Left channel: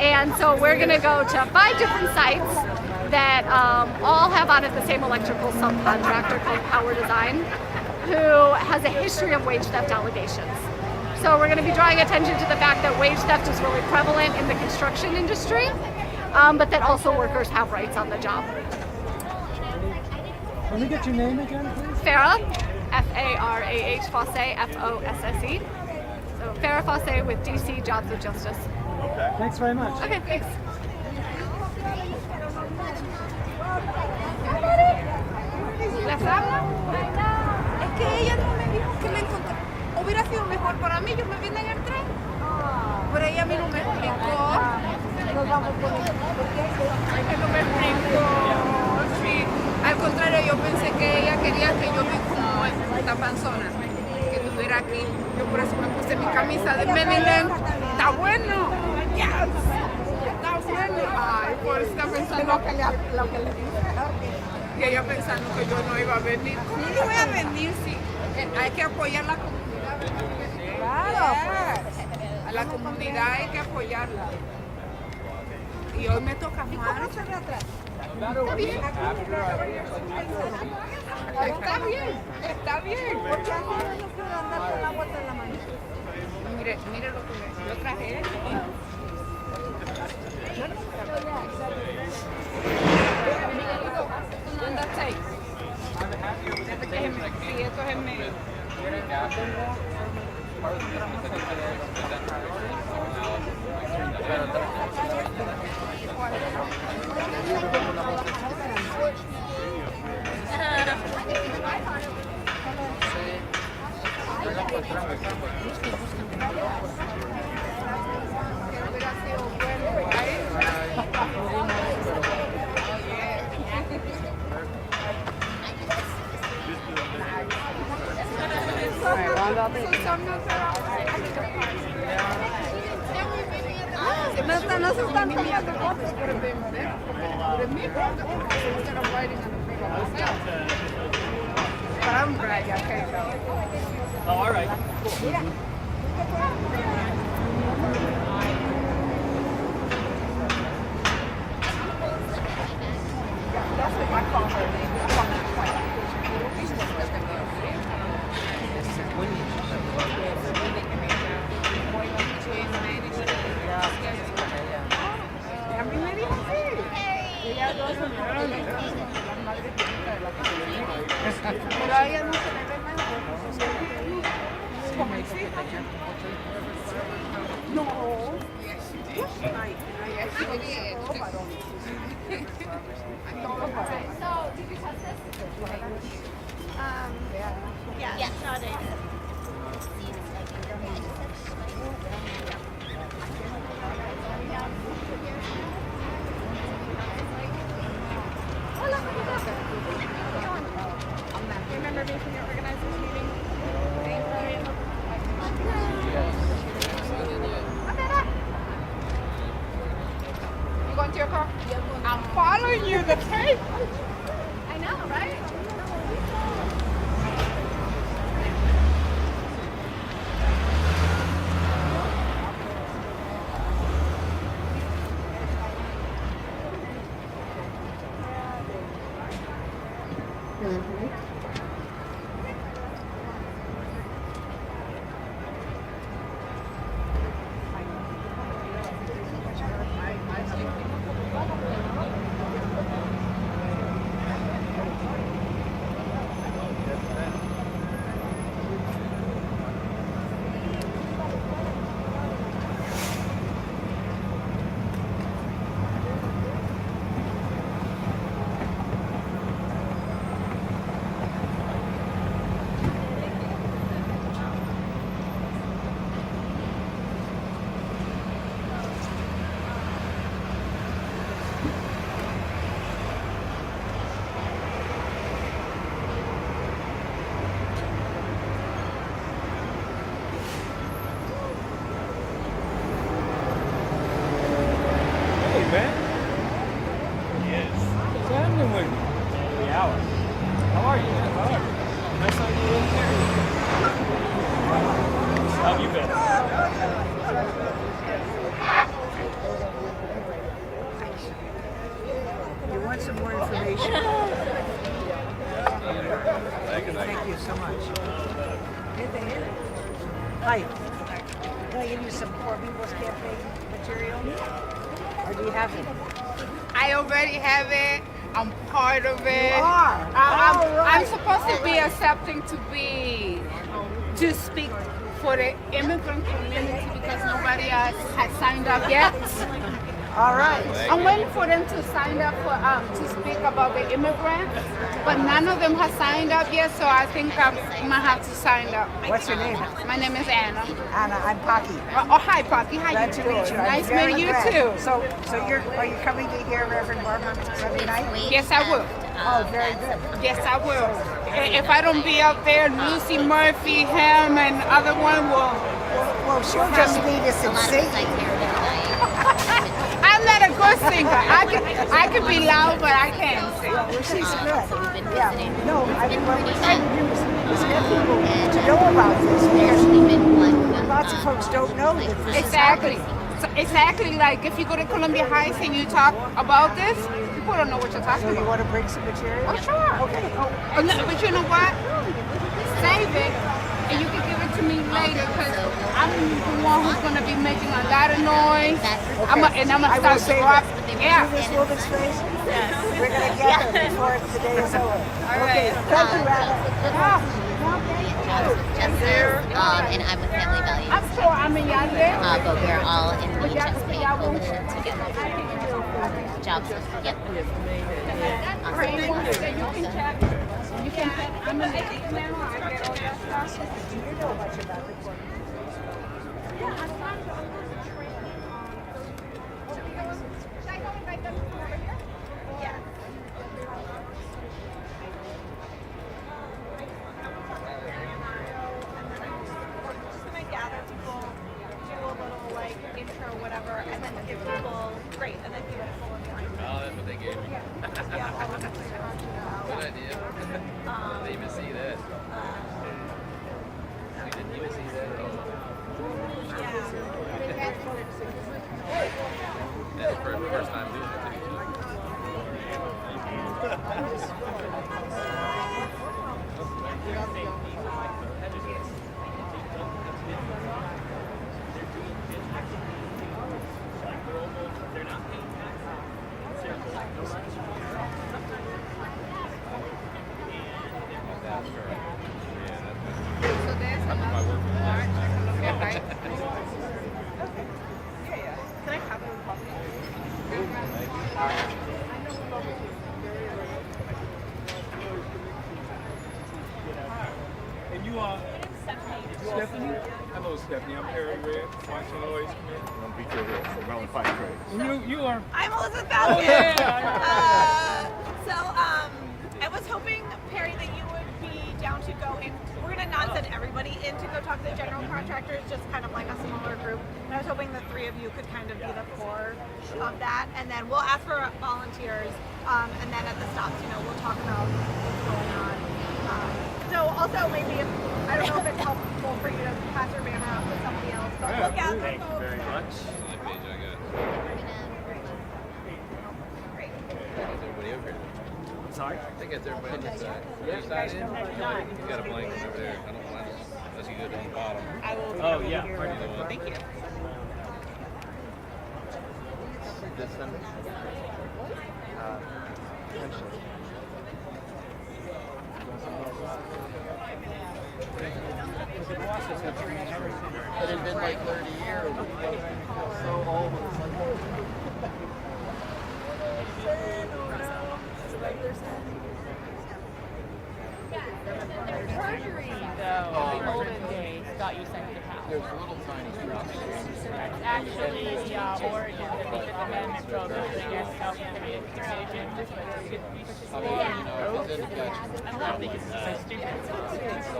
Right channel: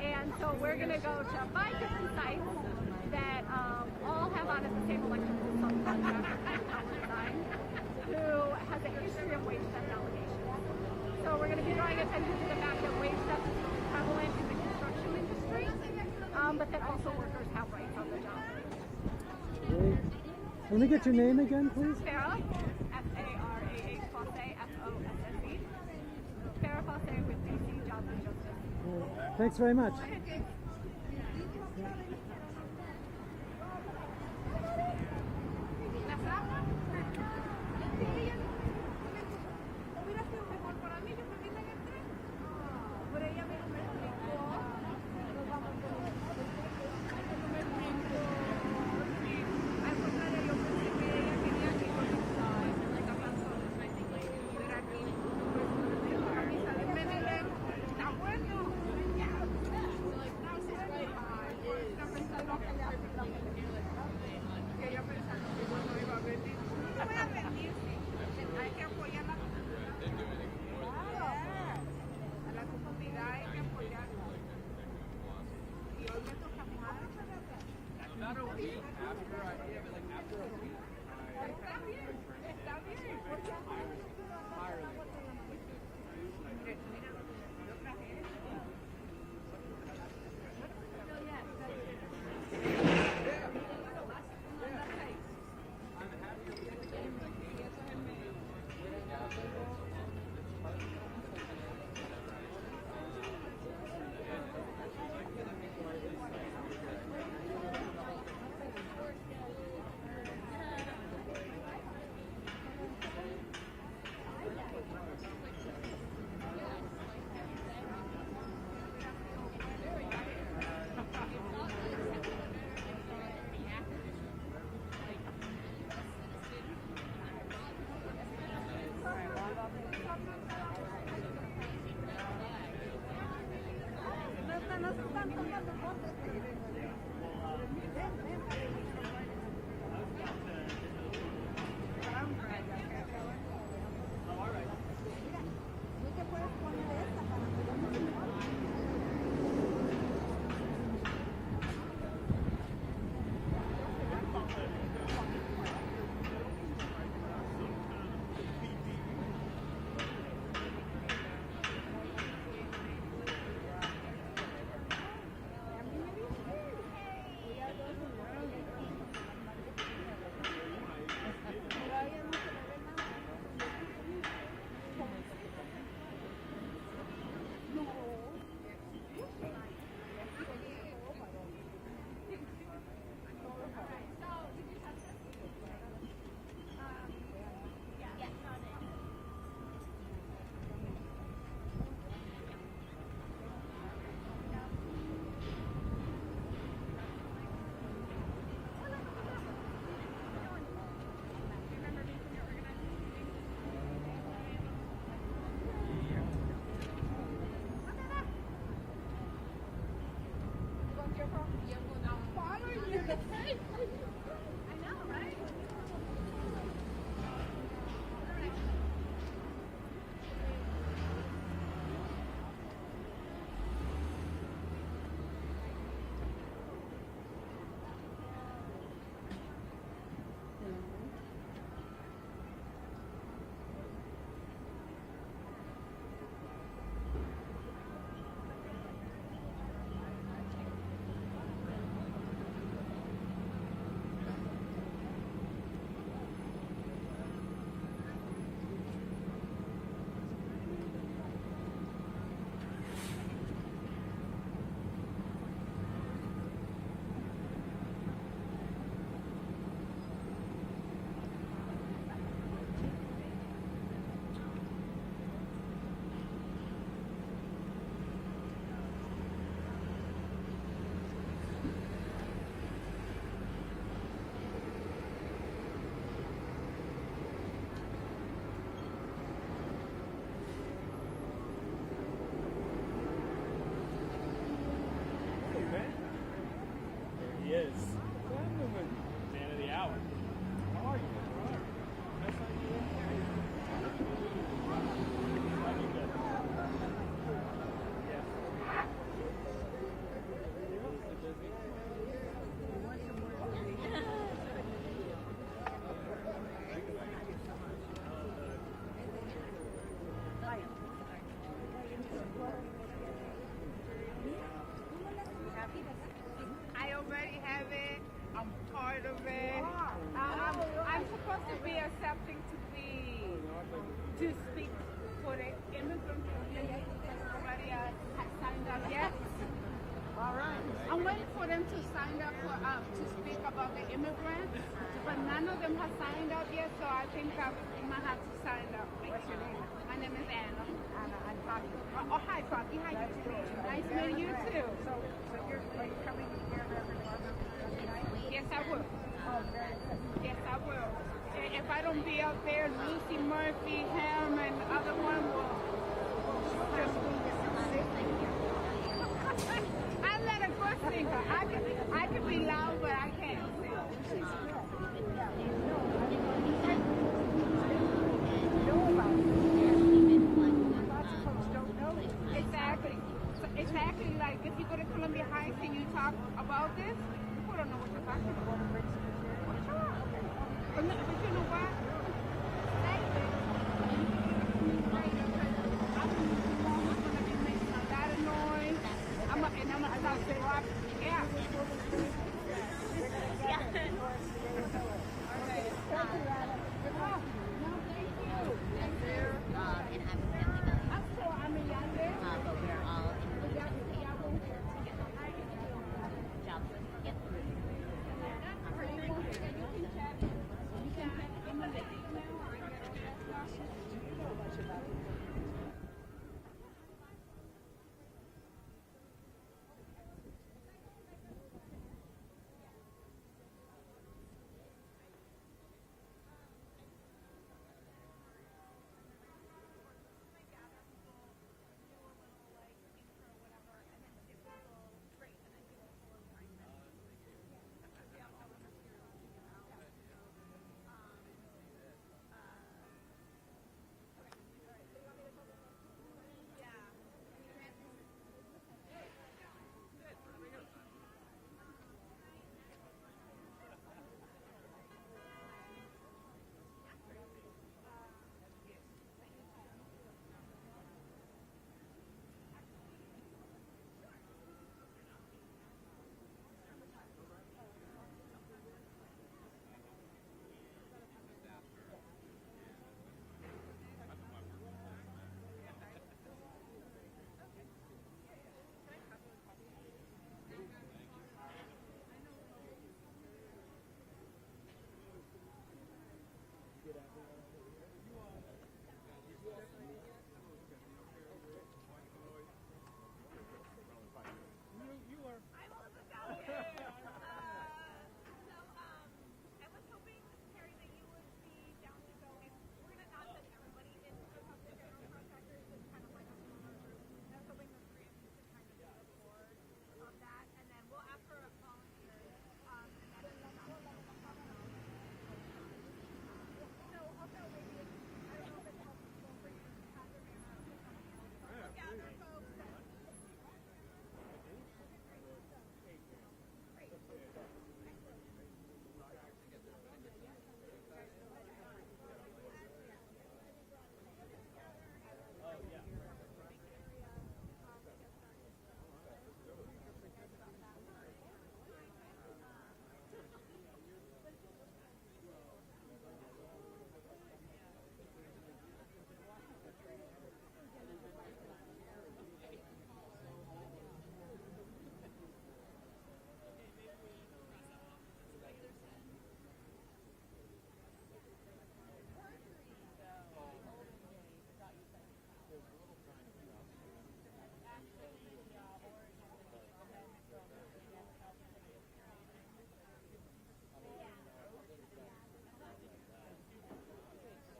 And so we're going to go to 5 different sites that all have on it the same electrical subcontractor called Power Design, who has a history of wage theft allegations. So we're going to be drawing attention to the fact that wage theft is really prevalent in the construction industry, but that also workers have rights on the job. Let me get your name again, please. Farah, F-A-R-A-H, Fosse, F-O-S-S-E. So Farah Fosse with DC Jobs with Justice. Thanks very much. Okay, thanks. ¿Las habla? Es que ella no me dijo que me encontró. Hubiera sido mejor para mí, yo me vine en el tren. Pero ella a mí no me explicó. Nos vamos con ella. Ella no me explicó. Sí. Al contrario, yo pensé que ella quería que yo me como esta panzona, que estuviera aquí. Yo por eso me puse mi camisa de Maryland. Está bueno. Yes. Está bueno. Ay, por eso está pensando lo que le dije. Y ella pensando que yo no iba a venir. No voy a venir, sí. Hay que apoyar la comunidad. Claro. A la comunidad hay que apoyarla. Y hoy me toca más. Está bien. Está bien. Está bien. Porque a mí no quiero andar con la vuelta en la mano. Mire lo que yo traje. Sí, esto es en medio. No se están tomando fotos por el mismo, ¿eh? Por el mismo, porque se están writing on the free by myself. But I'm glad y'all came out. Oh, all right. Mira. That's what I call her name. I call her Queen. She's just like a girl. A mí me dijo así. Ella dos son las madres de la comunidad. Pero a ella no se le ve nada. No. Yeah, not it. Remember me from your organizing meeting? You going to your car? I'm following you, the tape. I know, right? man. Yes. What's happening with you? Yeah. How are you? How are you? Nice on you in there. How have you been? some more information. Thank you so much. Hi. Can I give you some Poor People's Campaign material? Or do you have it? I already have it. I'm part of it. You are? I'm supposed to be accepting to speak for the immigrant community because nobody else has signed up yet. All right. I'm waiting for them to sign up for to speak about the immigrants, but none of them have signed up yet, so I think I might have to sign up. What's your name? My name is Anna. Anna, I'm Pocky. Oh, hi, Poppy. How Glad you to doing? meet you. I'm Nice very meeting you glad. too. So are you coming to hear Reverend Barber Sunday night? Yes, I will. Oh, very good. Yes, I will. If I don't be up there, Lucy Murphy, him, and other one will. Well, she'll just lead us in singing. I'm not a good singer. I can be loud, but I can't sing. Well, she's good. Yeah. No, I mean, what we're trying to do is get people to know about this because lots of folks don't know that this is Exactly. happening. So exactly like if you go to Columbia Heights and you talk about this, people don't know what you're talking So you about. want to bring some material? Oh, sure. Okay. Oh, But you know what? Save it, and you can give it to me later because I'm the one who's going to be making a lot of noise. I'm okay. going I to will start save dropping. it. Yeah. See this woman's face? Yes. We're going to get her before the day is over. Okay. Thank you, Anna. Chester, and I'm with Family Values. I'm sure I'm in y'all there. But we're all in the But y'all Chesapeake won't. Coalition together. Jobs. Yep. Pray once that you can check. You can check. I'm in the email. I get all that stuff. Do you know much about the Poor People's? Yeah, I'm trying to training on. Should I go invite them over here? Yeah. Just gonna gather people, do a little like intro, whatever, and then give people great, and then give people a point. Oh, that's what they gave me. Yeah, all of us are Good idea. Didn't even see that. You didn't even see that at all. That's the first time doing it too. So there's another March Columbia Heights. Can I have one coffee? And you are Stephanie? Hello, Stephanie. I'm Harry Red, watching Lloyd's Committee. I'm BK here from Maryland Fight Trade. And you are. I'm Elizabeth Oh, Baskin. yeah. I was hoping, Perry, that you would be down to go in. We're gonna not send everybody in to go talk to the general contractors, just kind of like a smaller group. And I was hoping the three of you could kind of be the core of that, and then we'll ask for volunteers. And then at the stops, we'll talk about what's going on. So also maybe if I don't know if it's helpful for you to pass your banner off to somebody else, but we'll gather Thank you folks. very much. That page I got. Great. That's everybody over here. Sorry? I think that's everybody on this side. You side in? You got a blank one over there. I don't mind. Unless you go down the bottom. Oh, yeah. Thank you. This one? It had been like 30 years. So old. The olden days got you sent to town. There's little tiny drops. That's actually the origin of the Fifth Amendment prohibition against self-incrimination. I mean, it's in the catchment. I don't think it's so stupid.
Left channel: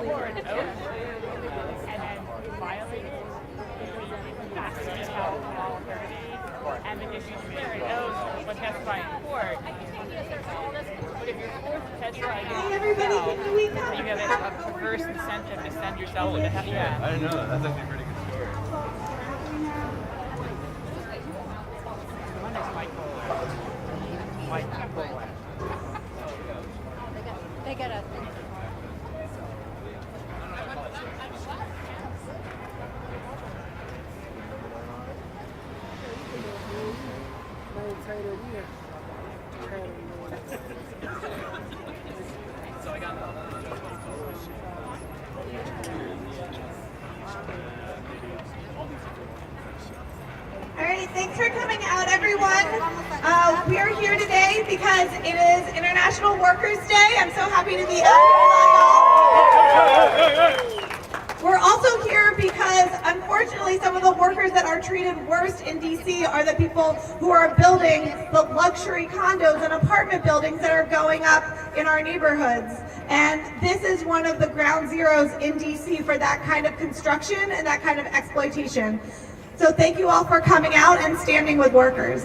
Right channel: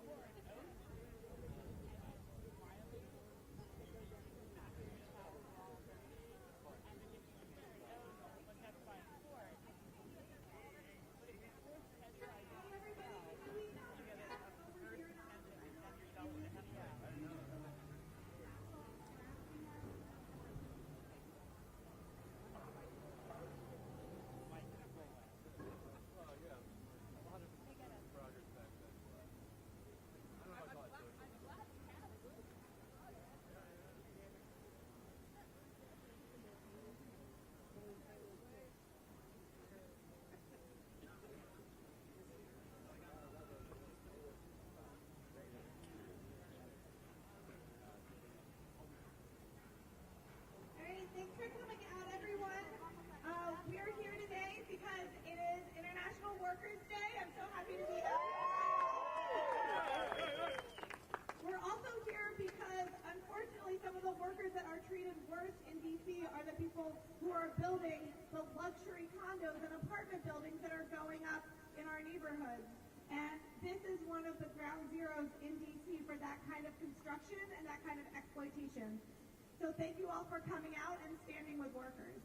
Or an oath, and then violate it. That's just how law and the issue is clear. It knows when testifying in court. But if you're forced to testify against yourself, you have a perverse incentive to send yourself to hell. Yeah. I didn't know that. That's actually a pretty good story. One is Michael. Mike Poland. for coming out, everyone. We are here today because it is International Workers' Day. I'm so happy to be out here with y'all. We're also here because, unfortunately, some of the workers that are treated worst in DC are the people who are building the luxury condos and apartment buildings that are going up in our neighborhoods. And this is one of the ground zeros in DC for that kind of construction and that kind of exploitation. So thank you all for coming out and standing with workers.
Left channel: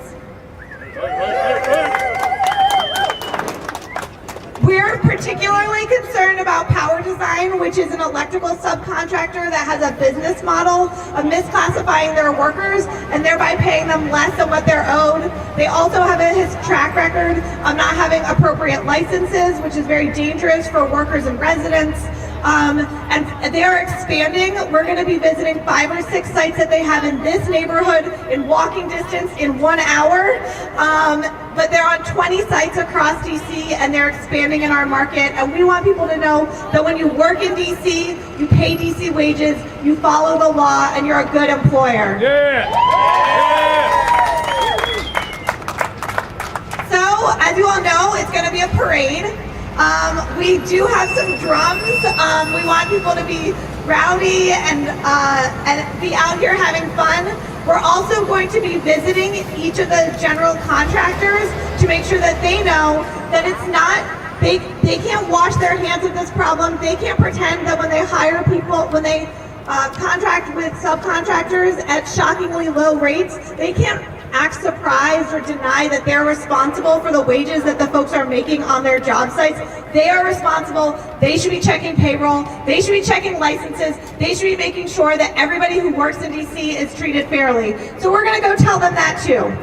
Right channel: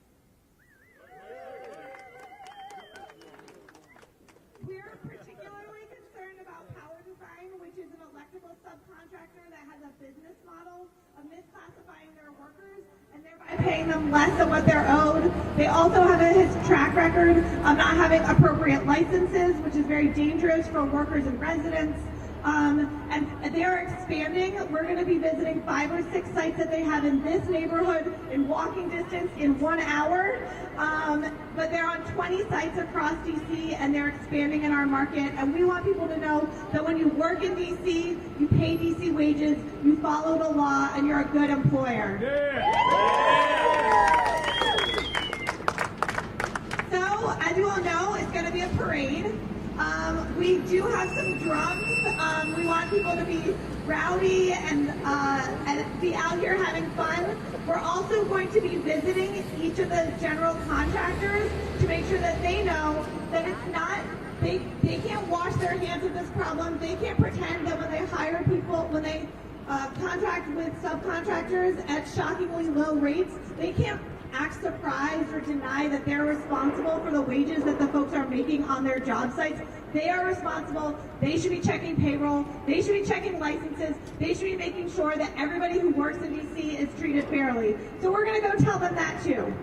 We're particularly concerned about Power Design, which is an electrical subcontractor that has a business model of misclassifying their workers and thereby paying them less than what they're owed. They also have a track record of not having appropriate licenses, which is very dangerous for workers and residents. And they are expanding. We're going to be visiting 5 or 6 sites that they have in this neighborhood in walking distance in 1 hour. But they're on 20 sites across DC and they're expanding in our market. And we want people to know that when you work in DC, you pay DC wages, you follow the law, and you're a good employer. Yeah. So, as you all know, it's going to be a parade. We do have some drums. We want people to be rowdy and be out here having fun. We're also going to be visiting each of the general contractors to make sure that they know that it's not, they can't wash their hands of this problem. They can't pretend that when they hire people, when they contract with subcontractors at shockingly low rates, they can't act surprised or deny that they're responsible for the wages that the folks are making on their job sites. They are responsible. They should be checking payroll. They should be checking licenses. They should be making sure that everybody who works in DC is treated fairly. So we're going to go tell them that too.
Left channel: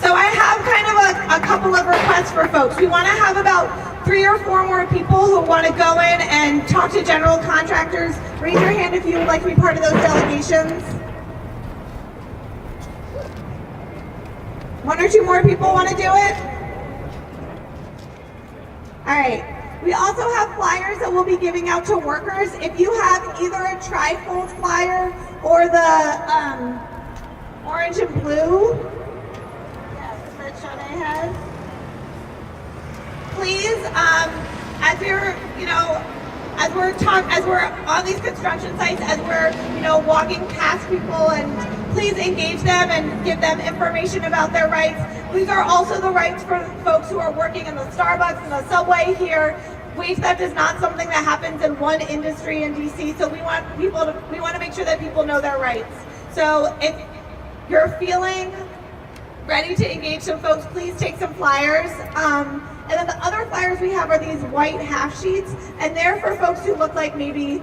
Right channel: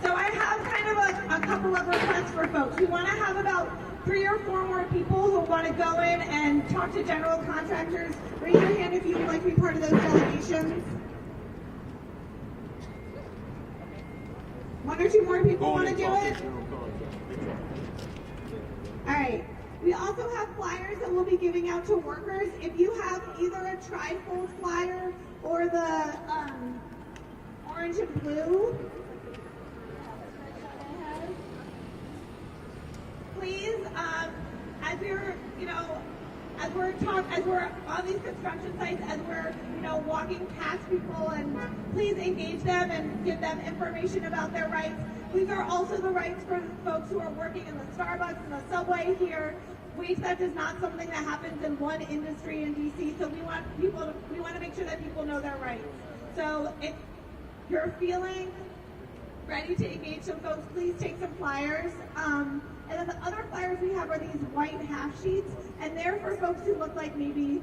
So I have kind of a couple of requests for folks. We want to have about 3 or 4 more people who want to go in and talk to general contractors. Raise your hand if you would like to be part of those delegations. 1 or 2 more people want to do it? All right. We also have flyers that we'll be giving out to workers. If you have either a tri-fold flyer or the orange and blue that Shanae has, please, as we're on these construction sites, as we're walking past people, and please engage them and give them information about their rights. These are also the rights for folks who are working in the Starbucks and the subway here. Wage theft is not something that happens in one industry in DC, so we want to make sure that people know their rights. So if you're feeling ready to engage some folks, please take some flyers. And then the other flyers we have are these white half sheets, and they're for folks who look like maybe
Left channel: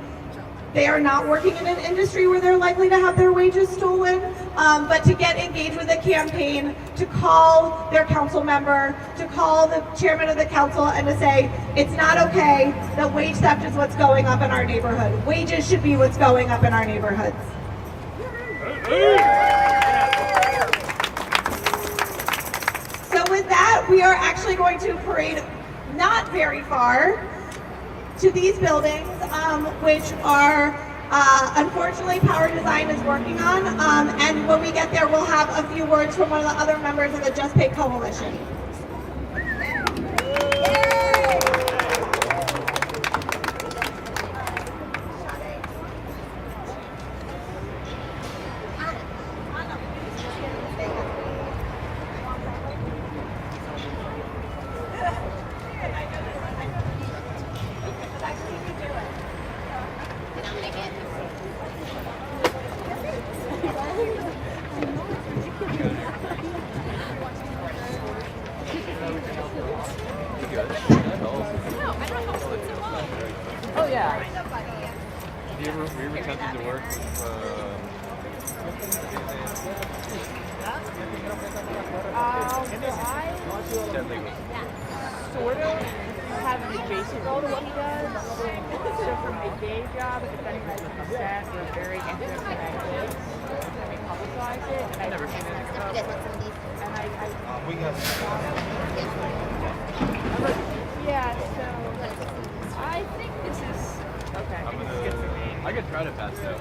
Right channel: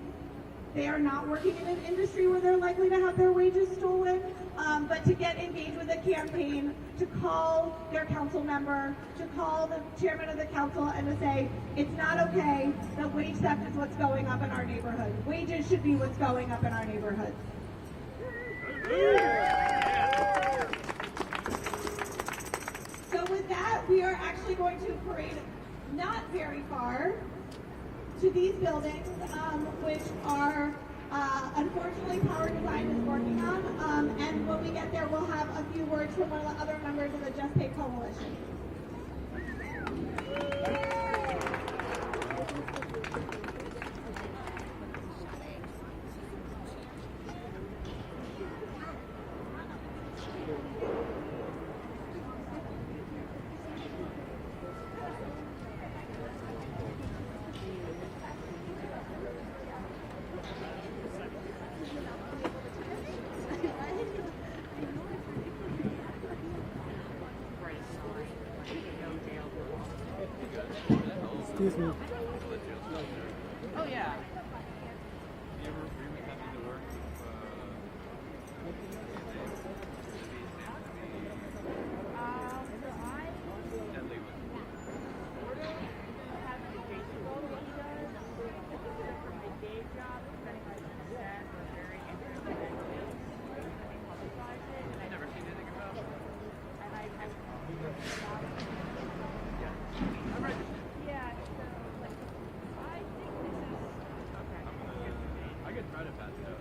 they are not working in an industry where they're likely to have their wages stolen, but to get engaged with the campaign, to call their council member, to call the chairman of the council, and to say, it's not okay that wage theft is what's going up in our neighborhood. Wages should be what's going up in our neighborhoods. So with that, we are actually going to parade not very far to these buildings, which are unfortunately Power Design is working on. And when we get there, we'll have a few words from one of the other members of the Just Pay Coalition. Sort of have the basic role of what he does. So for my day job, depending on the set, we're very interested in ideas. We publicize it, and I never seen it. We got Yeah, so I think this is okay. I could try to pass it.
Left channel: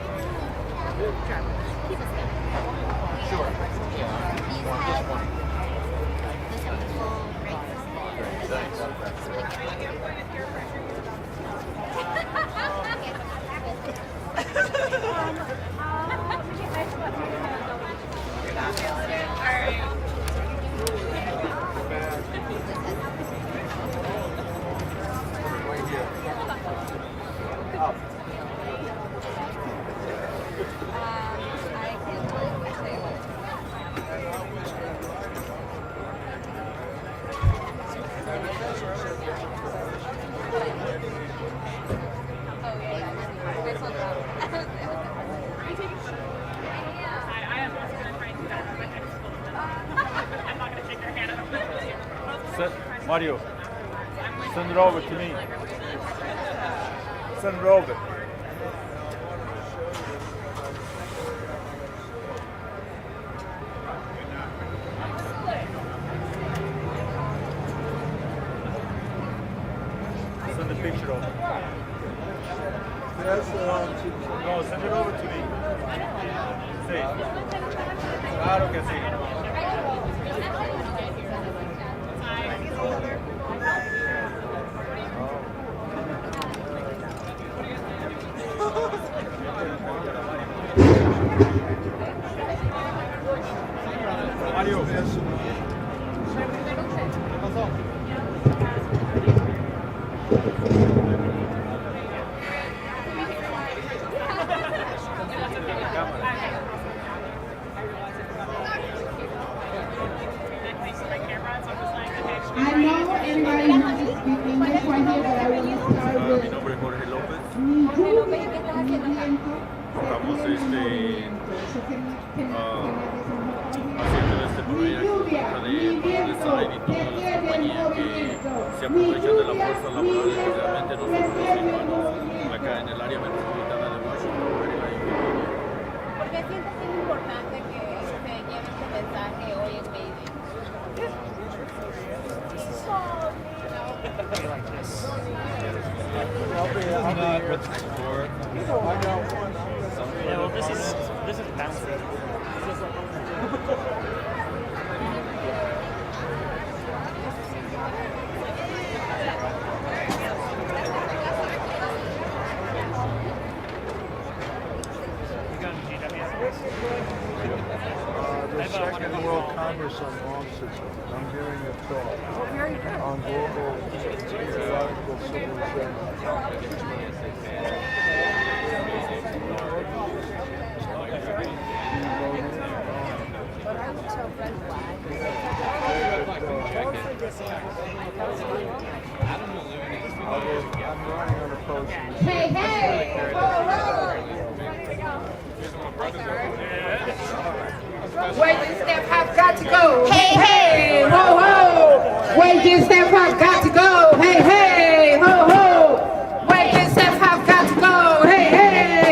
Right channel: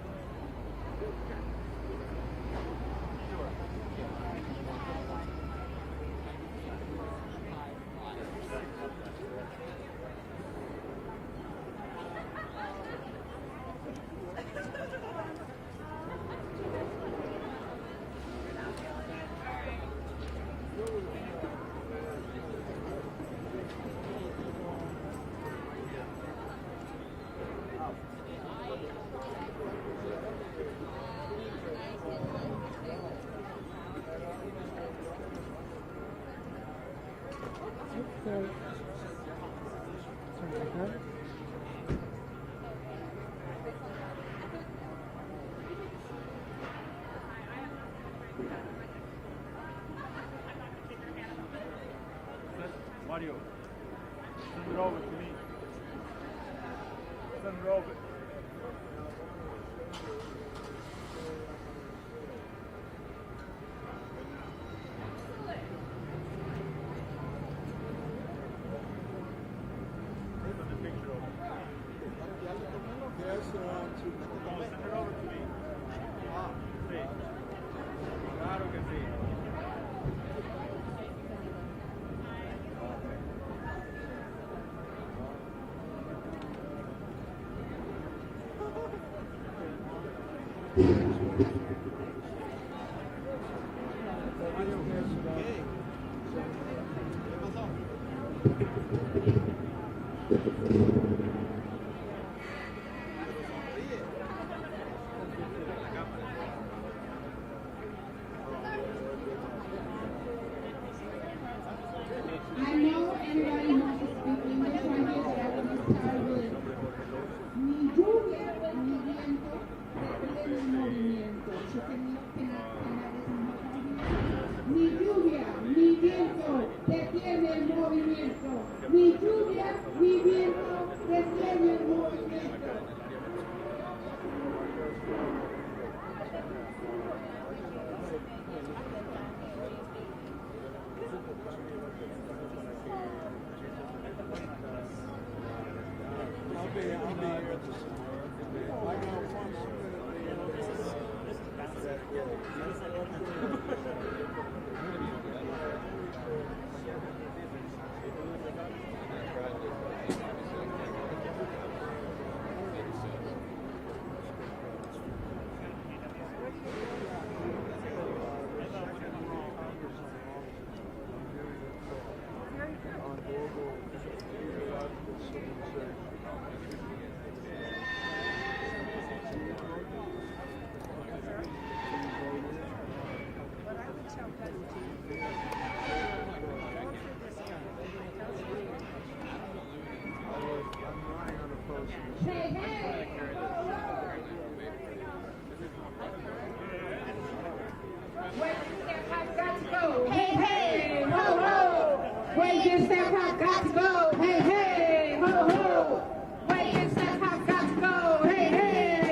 Mario, send it over to me. Send it over. Send the picture over. No, send it over to me. Sí. Claro que sí. Mario. I know everybody wants to speak English right here, but I want to start with Mi nombre es Jorge López. Estamos haciendo este proyecto de design y todas las compañías que se aprovechan de la fuerza laboral, especialmente nosotros los hispanos, acá en el área metropolitana de Washington, Maryland y Virginia. ¿Por qué sientes que es importante que se lleve este mensaje hoy en Mayday? Yeah, well, this is bouncing. The Second World Congress on Law Systems. I'm giving a talk on global theoretical civilization. hey, hey, whoa, whoa. Waiting staff have got to go. Hey, hey, ho, ho. Waiting staff have got to go. Hey, hey, ho, ho. Waiting staff have got to go. Hey, hey.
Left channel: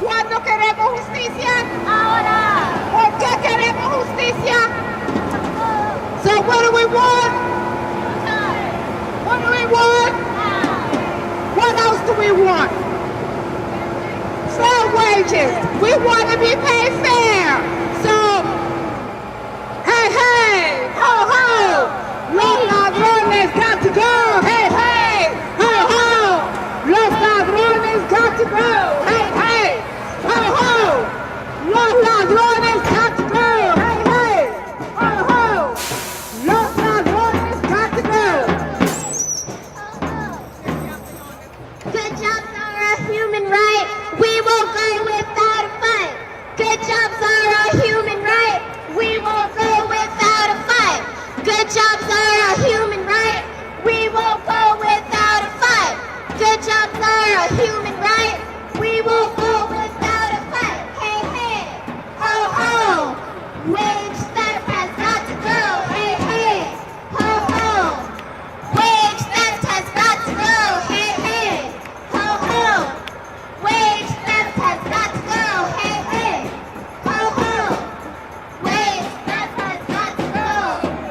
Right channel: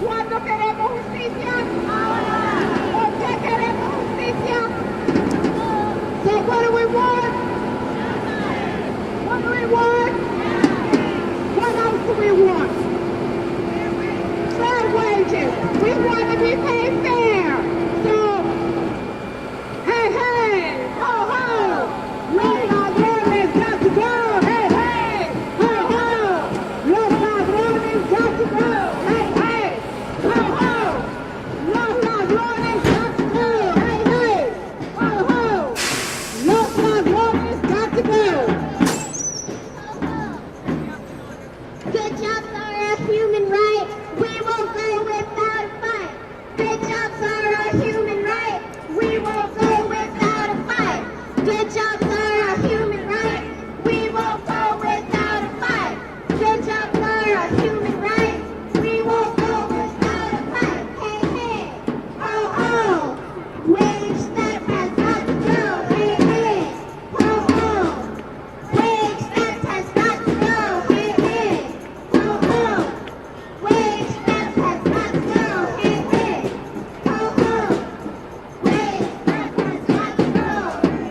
¿Cuándo queremos justicia? Ahora. ¿Por qué queremos justicia? So what do we want? What do we want? What else do we want? Fair wages. We want to be paid fair. So, hey, hey, ho, ho. Los ladrones got to go. Hey, hey, ho, ho. Los ladrones got to go. Hey, hey, ho, ho. Los ladrones got to go. Hey, hey, ho, ho. Los ladrones got to go. Good jobs are a human right. We won't go without a fight. Good jobs are a human right. We won't go without a fight. Good jobs are a human right. We won't go without a fight. Good jobs are a human right. We won't go without a fight. Hey, hey, ho, ho. Wage theft has got to go. Hey, hey, ho, ho. Wage theft has got to go. Hey, hey, ho, ho. Wage theft has got to go. Hey, hey, ho, ho. Wage theft has got to go.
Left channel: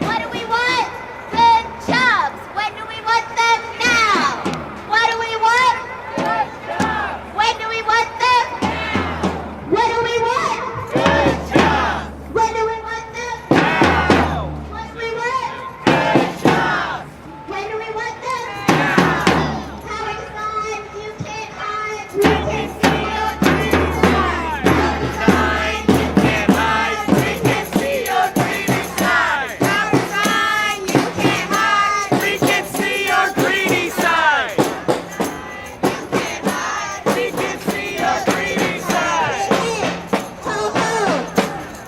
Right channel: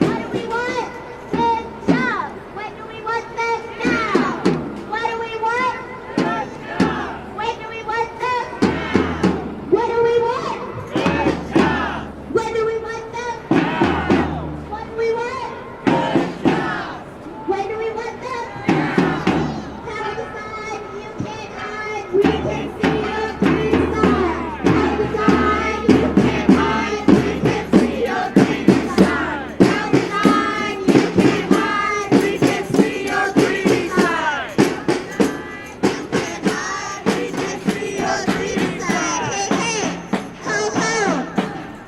What do we want? Good jobs. When do we want them? Now. What do we want? Good jobs. When do we want them? What do we want? Good jobs. When do we want them? Now. What do we want? Good jobs. When do we want them? Power sign, you can't hide. We can see your green side. Power sign, you can't hide. We can see your greedy side. Power sign, you can't hide. We can see your greedy side. You can't hide. We can see your greedy side. Hey, hey, ho, ho.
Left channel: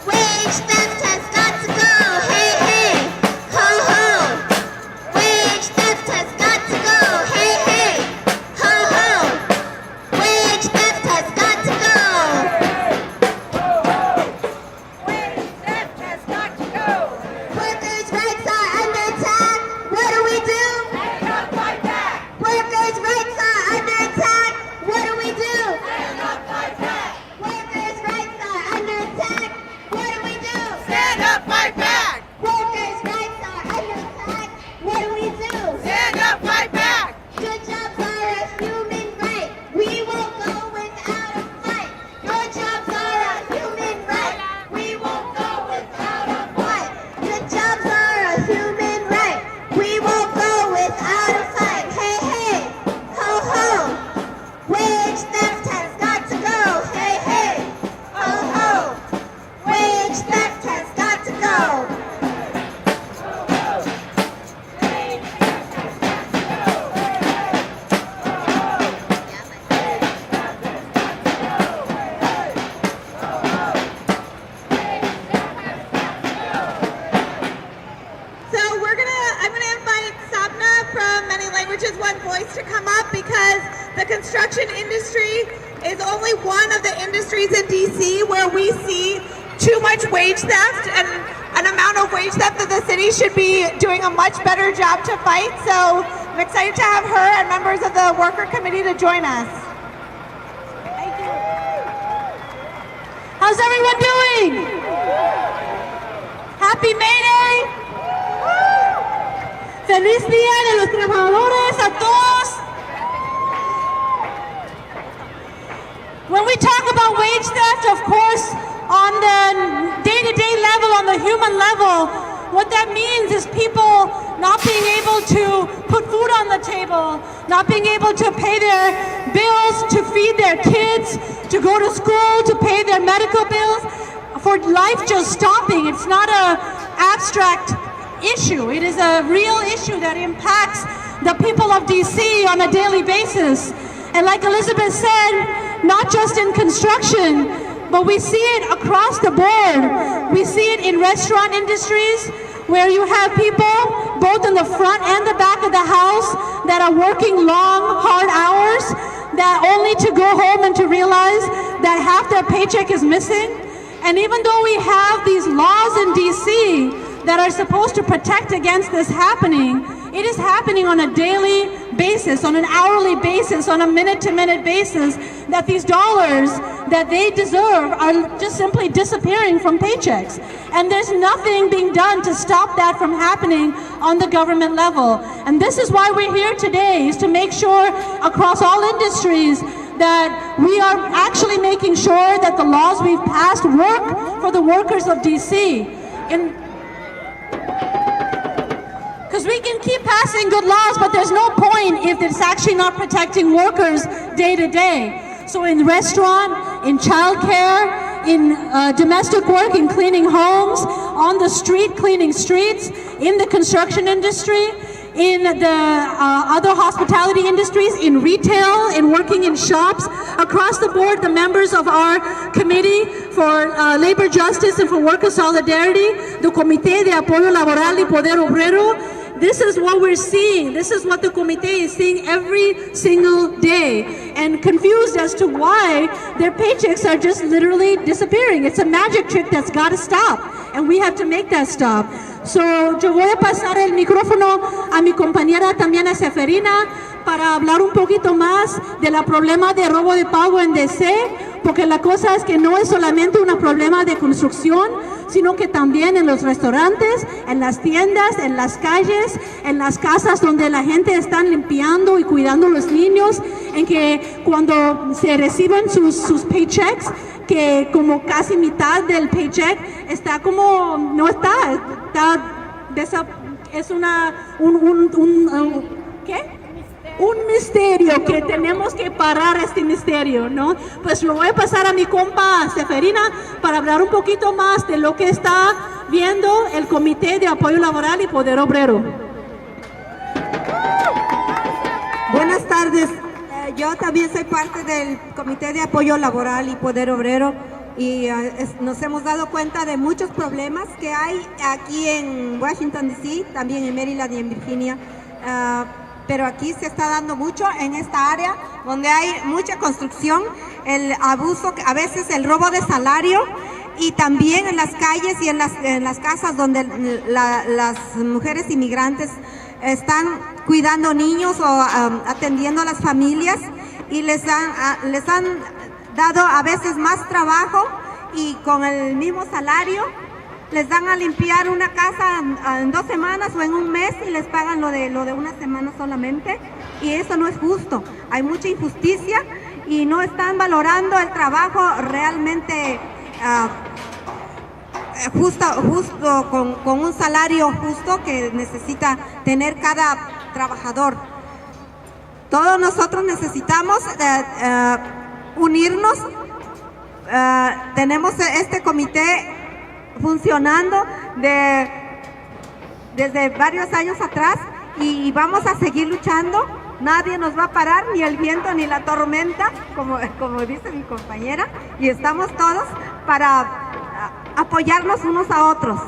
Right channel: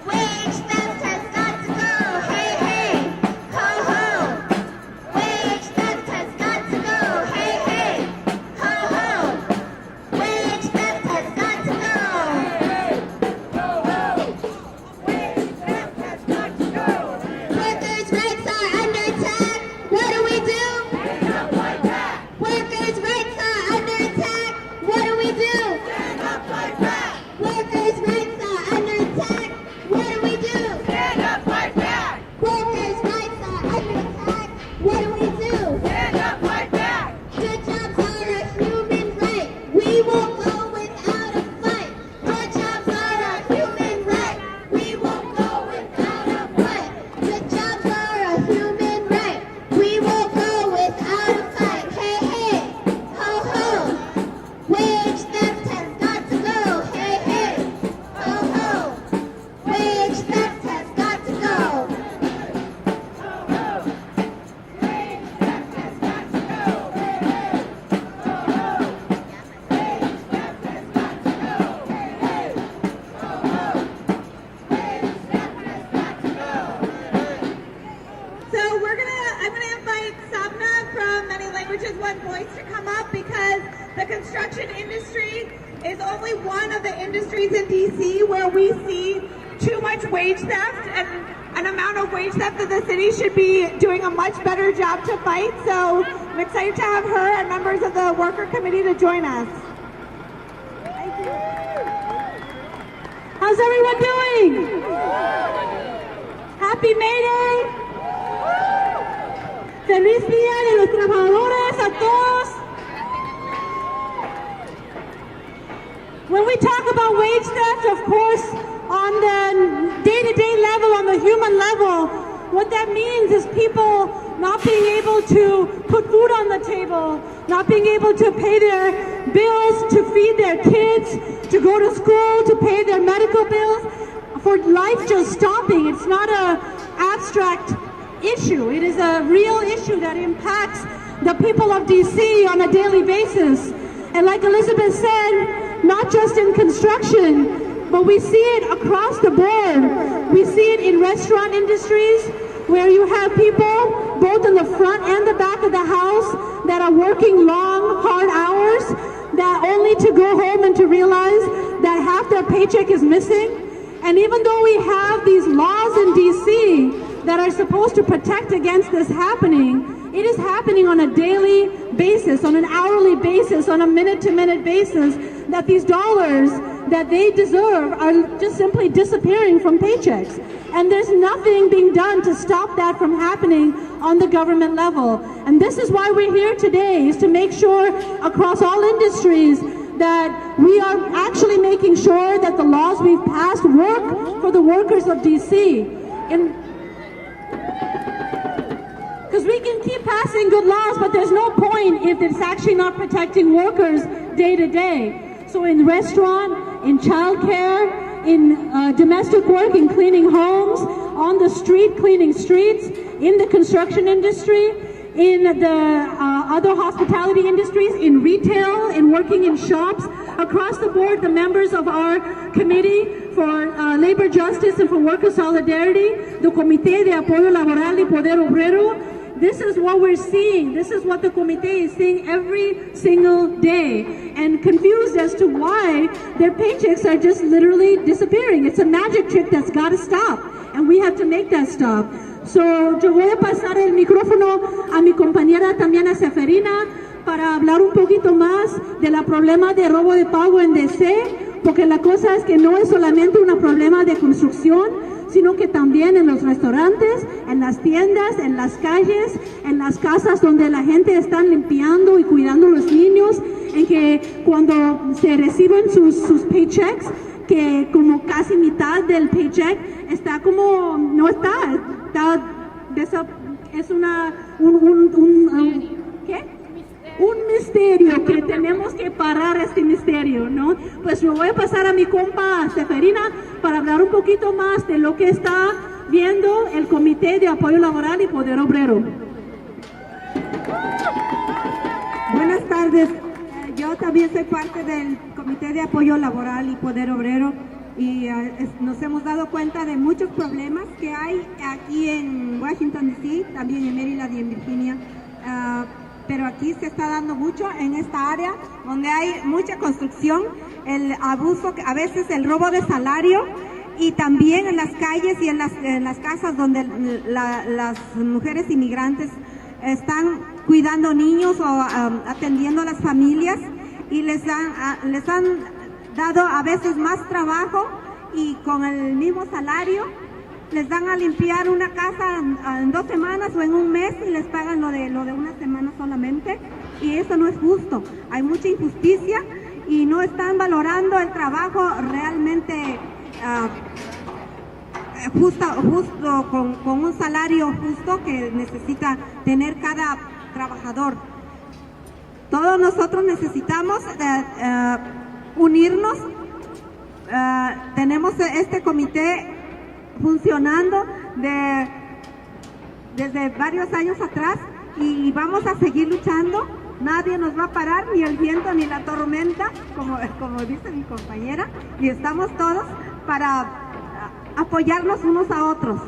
Wage theft has got to go. Hey, hey, ho, ho. Wage theft has got to go. Hey, hey, ho, ho. Wage theft has got to go. Wage theft has got to go. Workers' rights are under attack. What do we do? Stand up like that. Workers' rights are under attack. What do we do? Stand up like that. Workers' rights are under attack. What do we do? Stand up like that. Workers' rights are under attack. What do we do? Stand up like that. Good jobs are a human right. We won't go without a fight. Good jobs are a human right. We won't go without a fight. Good jobs are a human right. We won't go without a fight. Hey, hey, ho, ho. Wage theft has got to go. Hey, hey, ho, ho. Wage theft has got to go. So I'm gonna invite Sabna from Many Languages One Voice to come up because the construction industry is only one of the industries in DC where we see too much wage theft and an amount of wage theft that the city should be doing a much better job to fight. So I'm excited to have her and members of the worker committee to join us. Thank you. How's everyone doing? Happy May Day. Feliz Día de los Trabajadores a todos. When we talk about wage theft, of course, on the day-to-day level, on the human level, what that means is people not being able to put food on the table, not being able to pay their bills, to feed their kids, to go to school, to pay their medical bills, for life just stopping. It's not an abstract issue. It is a real issue that impacts the people of DC on a daily basis. And like Elizabeth said, not just in construction, but we see it across the board. We see it in restaurant industries where you have people both in the front and the back of the house that are working long, hard hours, that only to go home and to realize that half their paycheck is missing. And even though we have these laws in DC that are supposed to protect against this happening, it is happening on a daily basis, on an hourly basis, on a minute-to-minute basis, that these dollars that they deserve are just simply disappearing from paychecks. And there's nothing being done to stop that from happening on the government level. And this is why we're here today, is to make sure across all industries that we are actually making sure that the laws we've passed work for the workers of DC. Because we can keep passing good laws, but there's no point if it's actually not protecting workers day to day. So in restaurant, in childcare, in domestic work, in cleaning homes, on the street, cleaning streets, in the construction industry, in the other hospitality industries, in retail, in working in shops, across the board, the members of our committee for labor justice and for worker solidarity, the Comité de Apoyo Laboral y Poder Obrero, this is what we're seeing. This is what the committee is seeing every single day, and confused as to why their paychecks are just literally disappearing. It's a magic trick that's got to stop, and we have to make that stop. So, yo voy a pasar el micrófono a mi compañera también a Seferina para hablar un poquito más de la problema de robo de pago en DC, porque la cosa es que no es solamente un problema de construcción, sino que también en los restaurantes, en las tiendas, en las calles, en las casas donde la gente está limpiando y cuidando a los niños, en que cuando se reciben sus paychecks, que como casi mitad del paycheck está como, no está es ¿qué? Un misterio que tenemos que parar este misterio, ¿no? Pues lo voy a pasar a mi compa Seferina para hablar un poquito más de lo que está viendo el Comité de Apoyo Laboral y Poder Obrero. Buenas tardes. Yo también soy parte del Comité de Apoyo Laboral y Poder Obrero y nos hemos dado cuenta de muchos problemas que hay aquí en Washington DC, también en Maryland y en Virginia. Pero aquí se está dando mucho en esta área donde hay mucha construcción, el abuso, a veces el robo de salario, y también en las calles y en las casas donde las mujeres inmigrantes están cuidando niños o atendiendo a las familias, y les han dado a veces más trabajo, y con el mismo salario les dan a limpiar una casa en 2 semanas o en un mes y les pagan lo de una semana solamente, y eso no es justo. Hay mucha injusticia y no están valorando el trabajo realmente justo con un salario justo que necesita tener cada trabajador. Todos nosotros necesitamos unirnos. Tenemos este comité funcionando desde varios años atrás y vamos a seguir luchando. Nadie nos va a parar, ni el viento ni la tormenta, como dice mi compañera, y estamos todos para apoyarnos unos a otros.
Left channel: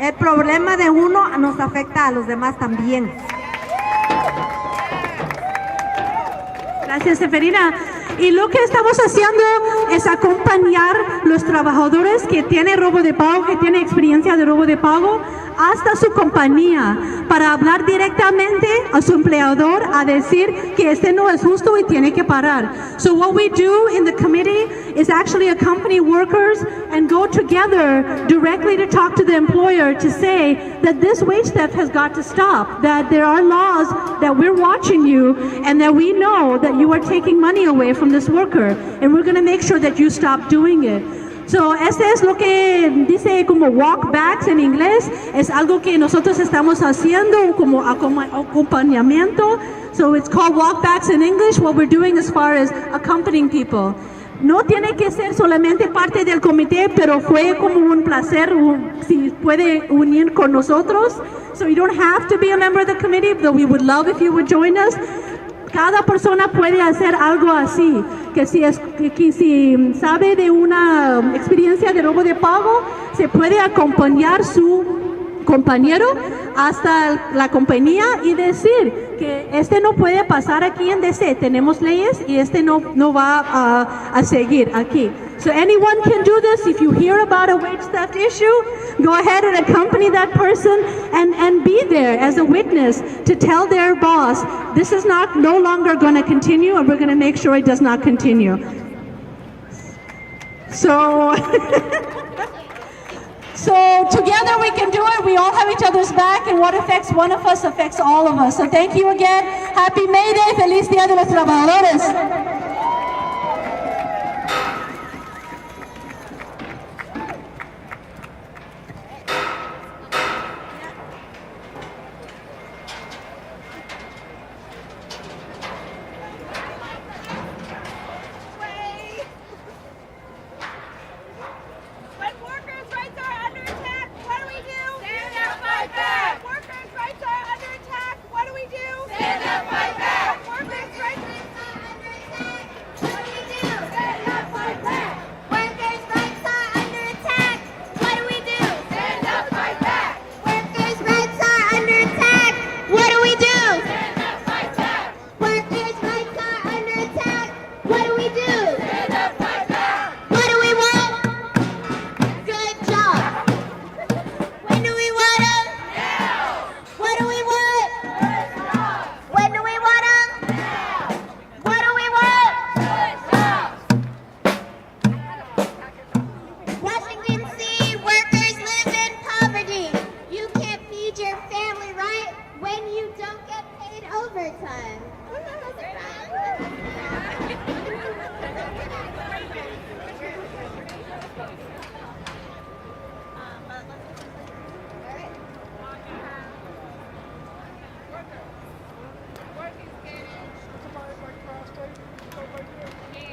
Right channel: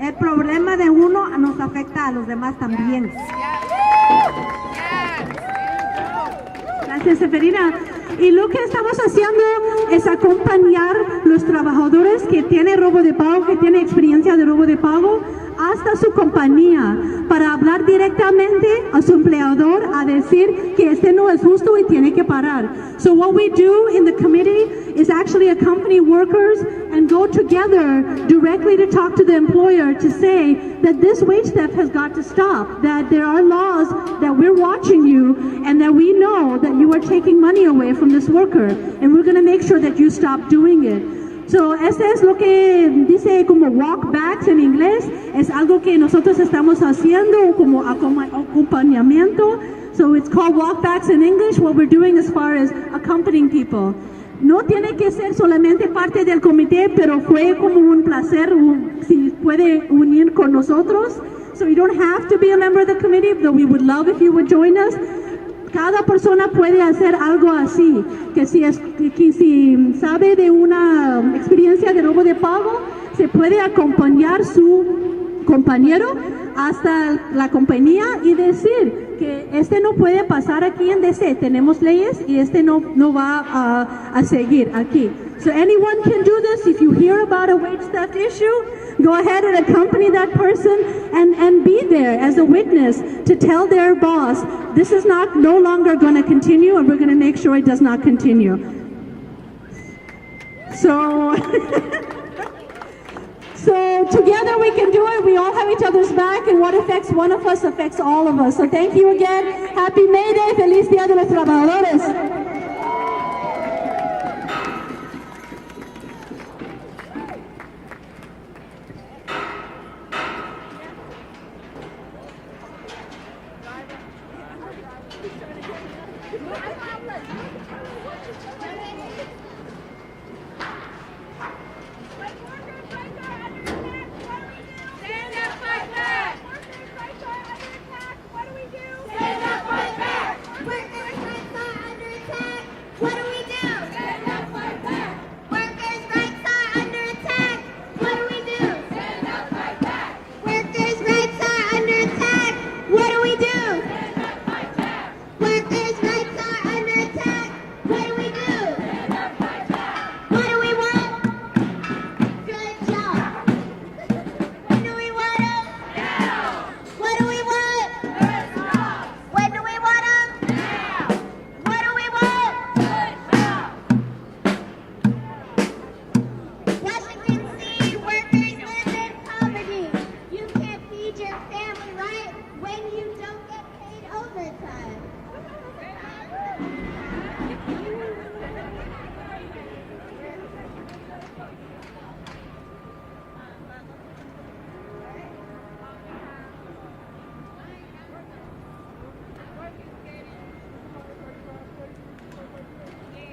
El problema de uno nos afecta a los demás también. Gracias, Seferina. Y lo que estamos haciendo es acompañar los trabajadores que tienen robo de pago, que tienen experiencia de robo de pago, hasta su compañía, para hablar directamente a su empleador, a decir que este no es justo y tiene que parar. So what we do in the committee is actually accompany workers and go together directly to talk to the employer to say that this wage theft has got to stop, that there are laws, that we're watching you, and that we know that you are taking money away from this worker, and we're going to make sure that you stop doing it. So, este es lo que dice como walkbacks en inglés, es algo que nosotros estamos haciendo como acompañamiento. So it's called walkbacks in English, what we're doing as far as accompanying people. No tiene que ser solamente parte del comité, pero fue como un placer si puede unir con nosotros. So you don't have to be a member of the committee, though we would love if you would join us. Cada persona puede hacer algo así, que si sabe de una experiencia de robo de pago, se puede acompañar su compañero hasta la compañía y decir que este no puede pasar aquí en DC. Tenemos leyes y este no va a seguir aquí. So anyone can do this. If you hear about a wage theft issue, go ahead and accompany that person and be there as a witness to tell their boss, this is no longer going to continue, and we're going to make sure it does not continue. So, so together we can do it. We all have each other's back, and what affects one of us affects all of us. So thank you again. Happy May Day. Feliz Día de los Trabajadores.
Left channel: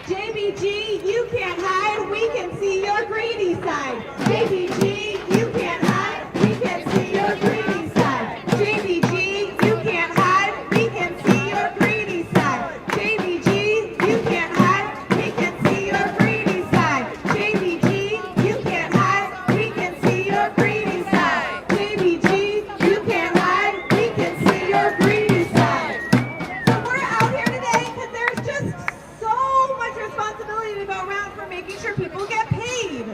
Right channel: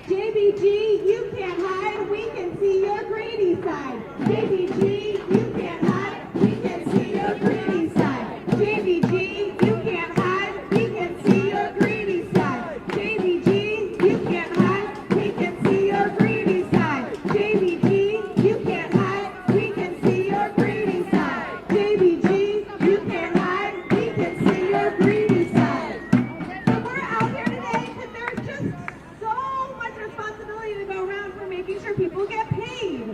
JBG, you can't hide, we can see your greedy side. JBG, you can't hide, we can see your greedy side. JBG, you can't hide, we can see your greedy side. JBG, you can't hide, we can see your greedy side. JBG, you can't hide, we can see your greedy side. JBG, you can't hide, we can see your greedy side. So we're out here today because there's just so much responsibility to go around for making sure people get paid.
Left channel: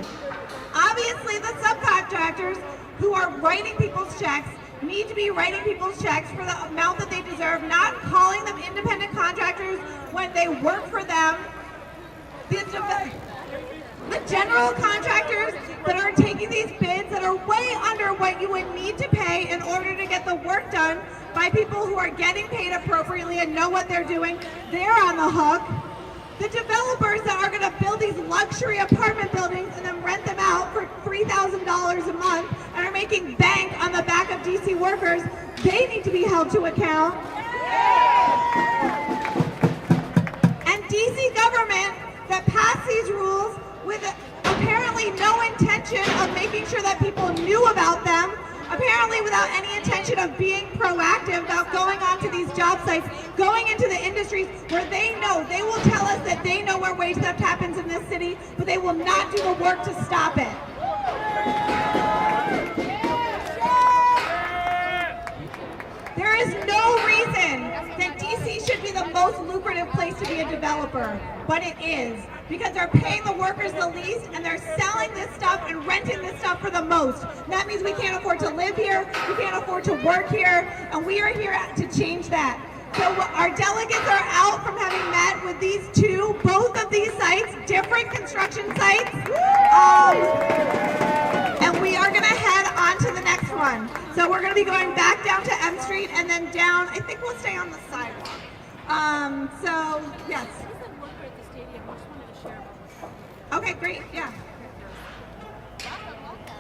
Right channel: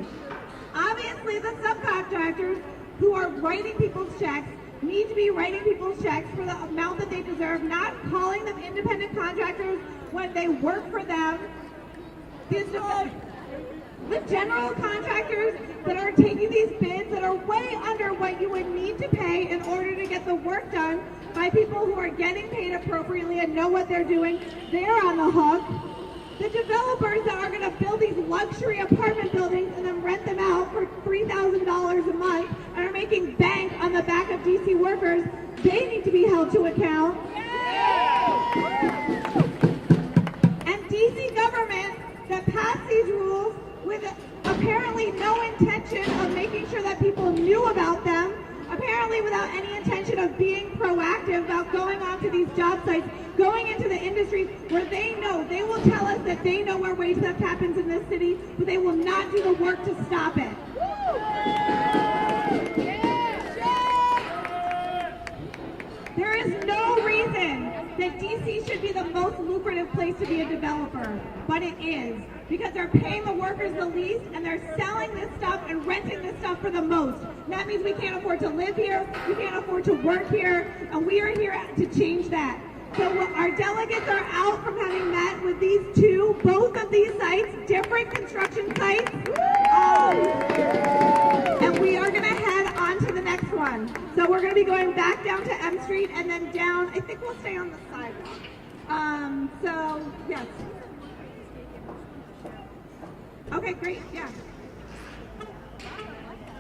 Obviously, the subcontractors who are writing people's checks need to be writing people's checks for the amount that they deserve, not calling them independent contractors when they work for them. The general contractors that are taking these bids that are way under what you would need to pay in order to get the work done by people who are getting paid appropriately and know what they're doing, they're on the hook. The developers that are going to build these luxury apartment buildings and then rent them out for $3,000 a month and are making bank on the back of DC workers, they need to be held to account. And DC government that passed these rules with apparently no intention of making sure that people knew about them, apparently without any intention of being proactive about going onto these job sites, going into the industries where they know, they will tell us that they know where wage theft happens in this city, but they will not do the work to stop it. There is no reason that DC should be the most lucrative place to be a developer, but it is. Because they're paying the workers the least and they're selling this stuff and renting this stuff for the most. And that means we can't afford to live here, we can't afford to work here, and we are here to change that. So our delegates are out from having met with these two, both of these sites, different construction sites. And we are gonna head on to the next one. So we're gonna be going back down to M Street and then down, I think we'll stay on the sidewalk. So, yes. Okay, great, yeah.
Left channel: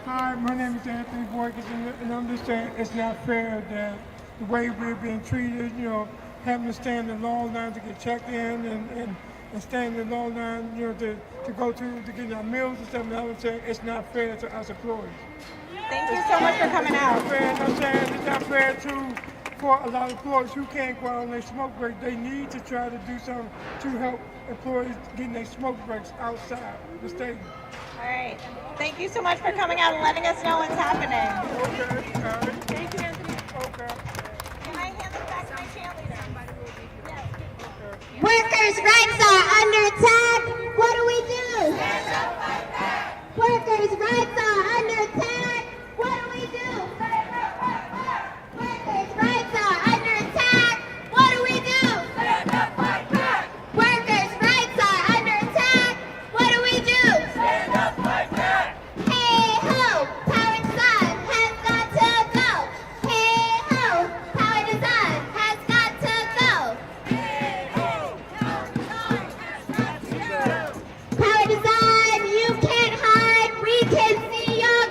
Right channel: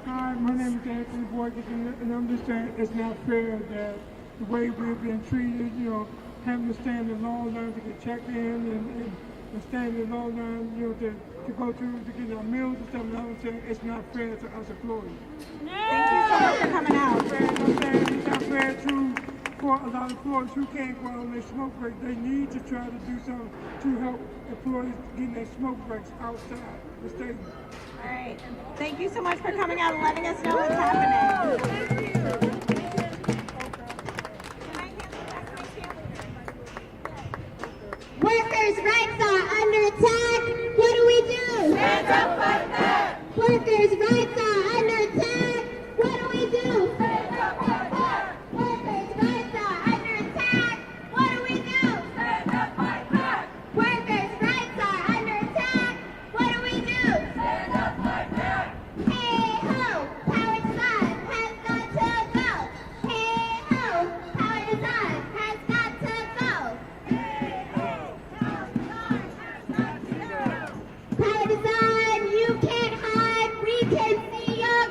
Hi, my name is Anthony Boykins, and I'm just saying it's not fair that the way we're being treated, you know, having to stand in long line to get checked in and stand in long line, you know, to go to get our meals and stuff, and I'm saying it's not fair to us employees. Thank you so much for coming out. I'm saying it's not fair for a lot of employees who can't go out on their smoke break. They need to try to do something to help employees getting their smoke breaks outside the stadium. All right. Thank you so much for coming out and letting us know what's happening. Okay. Can I hand this back to my Workers' rights are under attack. What do we do? Stand up, fight back. Workers' rights are under attack. What do we do? Stand up, fight back. Workers' rights are under attack. What do we do? Stand up, fight back. Workers' rights are under attack. What do we do? Stand up, fight back. Hey ho, power design has got to go. Hey ho, power design has got to go. Power design, you can't hide. We can see your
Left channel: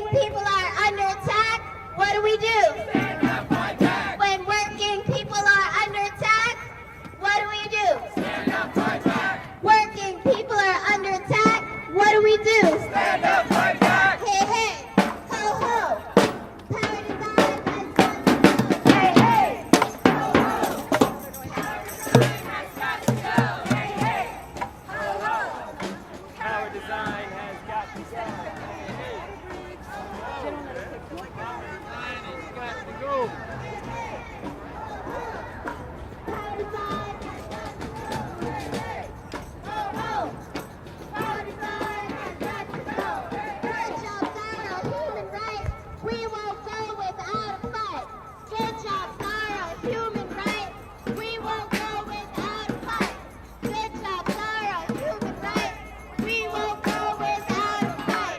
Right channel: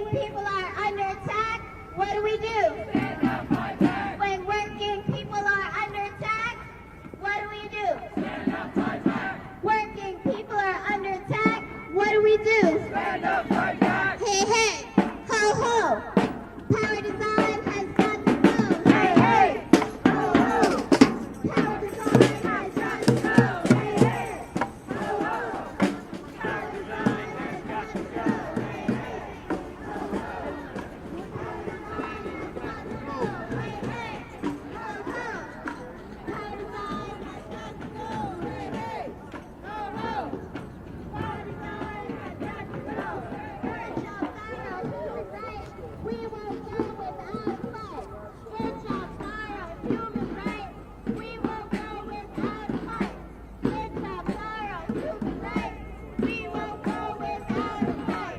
working people are under attack, what do we do? Stand up, fight back. When working people are under attack, what do we do? Stand up, fight back. Working people are under attack, what do we do? Stand up, fight back. Hey, hey, ho, ho. Power design has got to go. Hey, hey, ho, ho. Power design has got to go. Hey, hey, ho, ho. Power design has got to go. We won't go without a fight. Good jobs are a human right. We won't go without a fight. Good jobs are a human right. We won't go without a fight.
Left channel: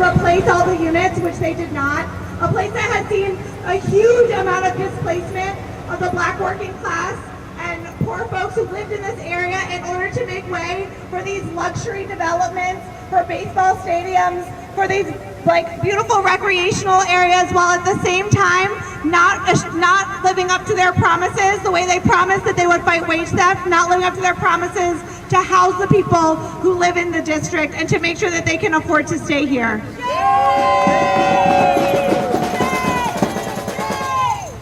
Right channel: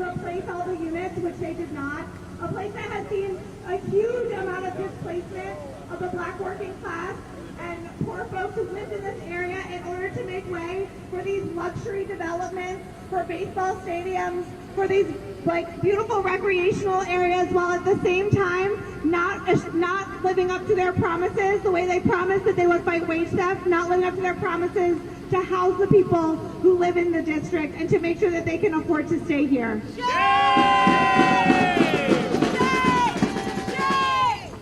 replace all the units, which they did not. A place that has seen a huge amount of displacement of the Black working class and poor folks who lived in this area in order to make way for these luxury developments, for baseball stadiums, for these like beautiful recreational areas, while at the same time not living up to their promises, the way they promised that they would fight wage theft, not living up to their promises to house the people who live in the district and to make sure that they can afford to stay here.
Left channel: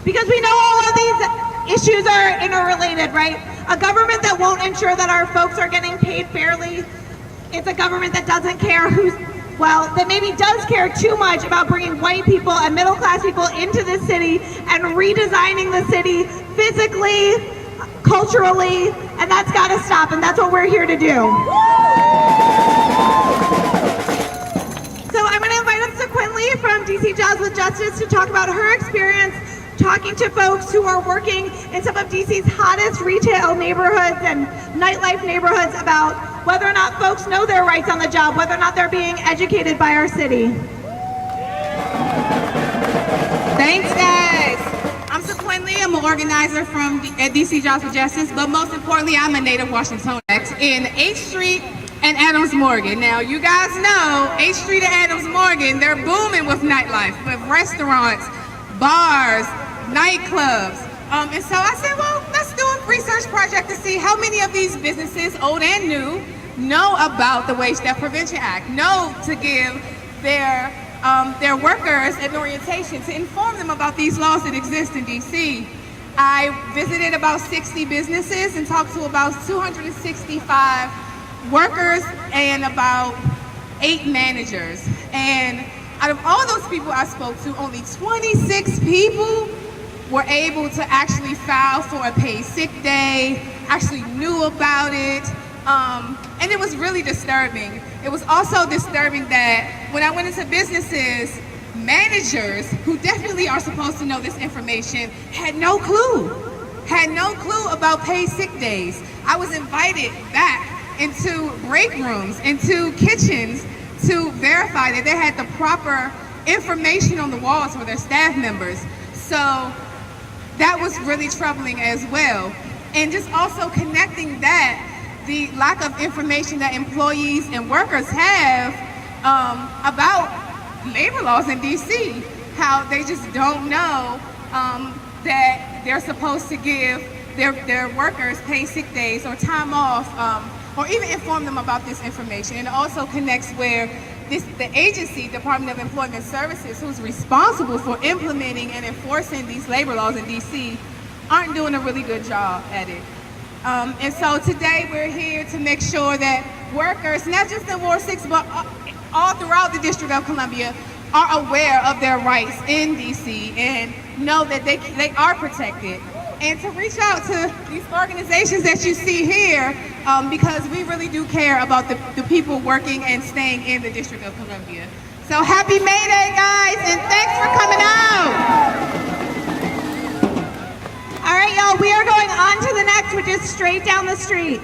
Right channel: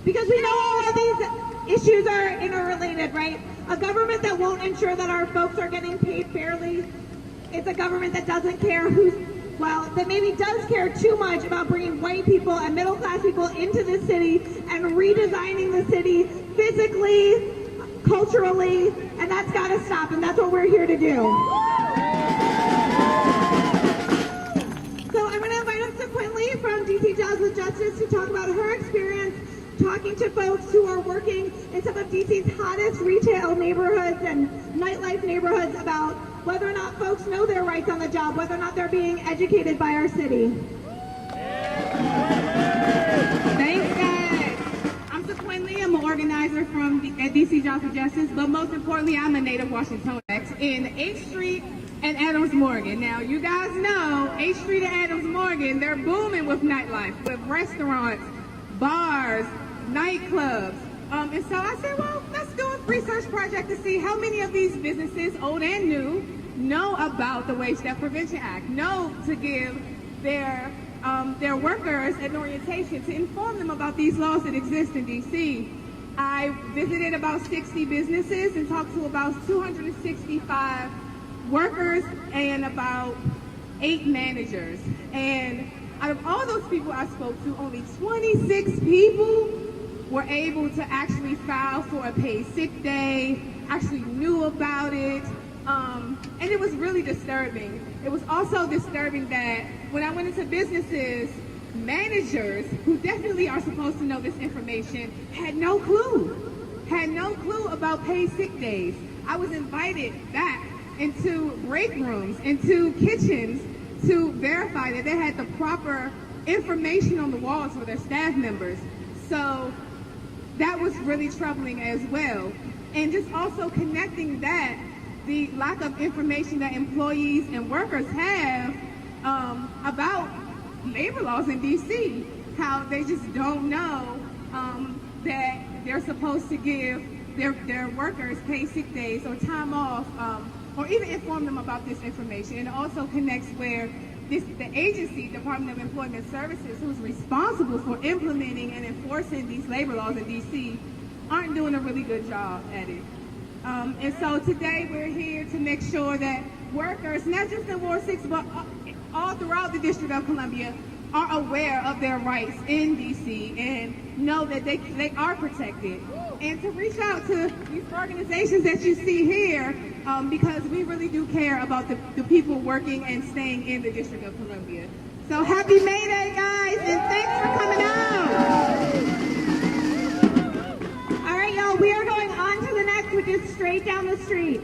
Because we know all of these issues are interrelated, right? A government that won't ensure that our folks are getting paid fairly, it's a government that doesn't care that maybe does care too much about bringing white people and middle class people into the city and redesigning the city physically, culturally, and that's got to stop, and that's what we're here to do. So I'm going to invite up Sequinley from DC Jobs with Justice to talk about her experience talking to folks who are working in some of DC's hottest retail neighborhoods and nightlife neighborhoods about whether or not folks know their rights on the job, whether or not they're being educated by our city. Thanks, guys. I'm Sequinley. I'm an organizer at DC Jobs for Justice, but most importantly, I'm a native Washingtonian in H Street and Adams Morgan. Now, you guys know H Street and Adams Morgan, they're booming with nightlife, with restaurants, bars, nightclubs. And so I said, well, let's do a research project to see how many of these businesses, old and new, know about the Wage Theft Prevention Act, know to give their their workers at orientation to inform them about these laws that exist in DC. I visited about 60 businesses and talked to about 265 workers and about 8 managers. And out of all those people I spoke to, only 26 people were able to actually file for a paid sick day, actually knew about it, and it was really disturbing. It was also disturbing that when I went into businesses, managers, who definitely are supposed to know this information, had no clue about paid sick days. I was invited back into break rooms, into kitchens, to verify that they had the proper information on the walls for their staff members. So that was really troubling as well. And just also connecting that, the lack of information that employees and workers have about labor laws in DC, how they just don't know that they're supposed to give their workers paid sick days or time off, or even inform them about this information. And it also connects where the agency, Department of Employment Services, who's responsible for implementing and enforcing these labor laws in DC, aren't doing a really good job at it. And so today we're here to make sure that workers, not just in Ward 6, but all throughout the District of Columbia, are aware of their rights in DC and know that they are protected. And to reach out to these organizations that you see here, because we really do care about the people working and staying in the District of Columbia. So happy May Day, guys, and thanks for coming out. All right, y'all, we are going on to the next, which is straight down the street.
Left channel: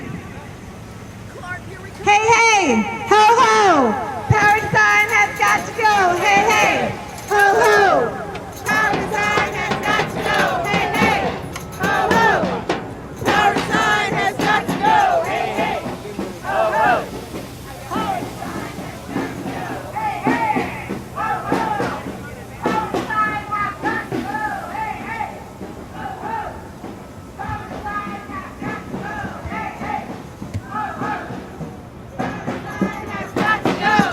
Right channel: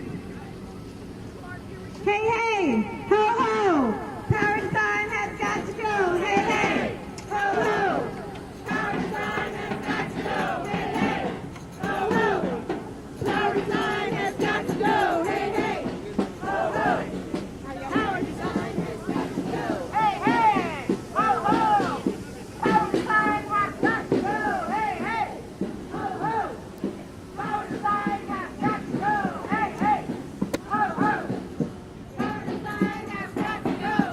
Hey, hey, ho, ho, power design has got to go. Hey, hey, ho, ho, power design has got to go. Hey, hey, ho, ho, power design has got to go. Hey, hey, ho, ho, power design has got to go. Hey, hey, ho, ho, power design has got to go. Hey, hey, ho, ho, power design has got to go. Hey, hey, ho, ho, power design has got to go.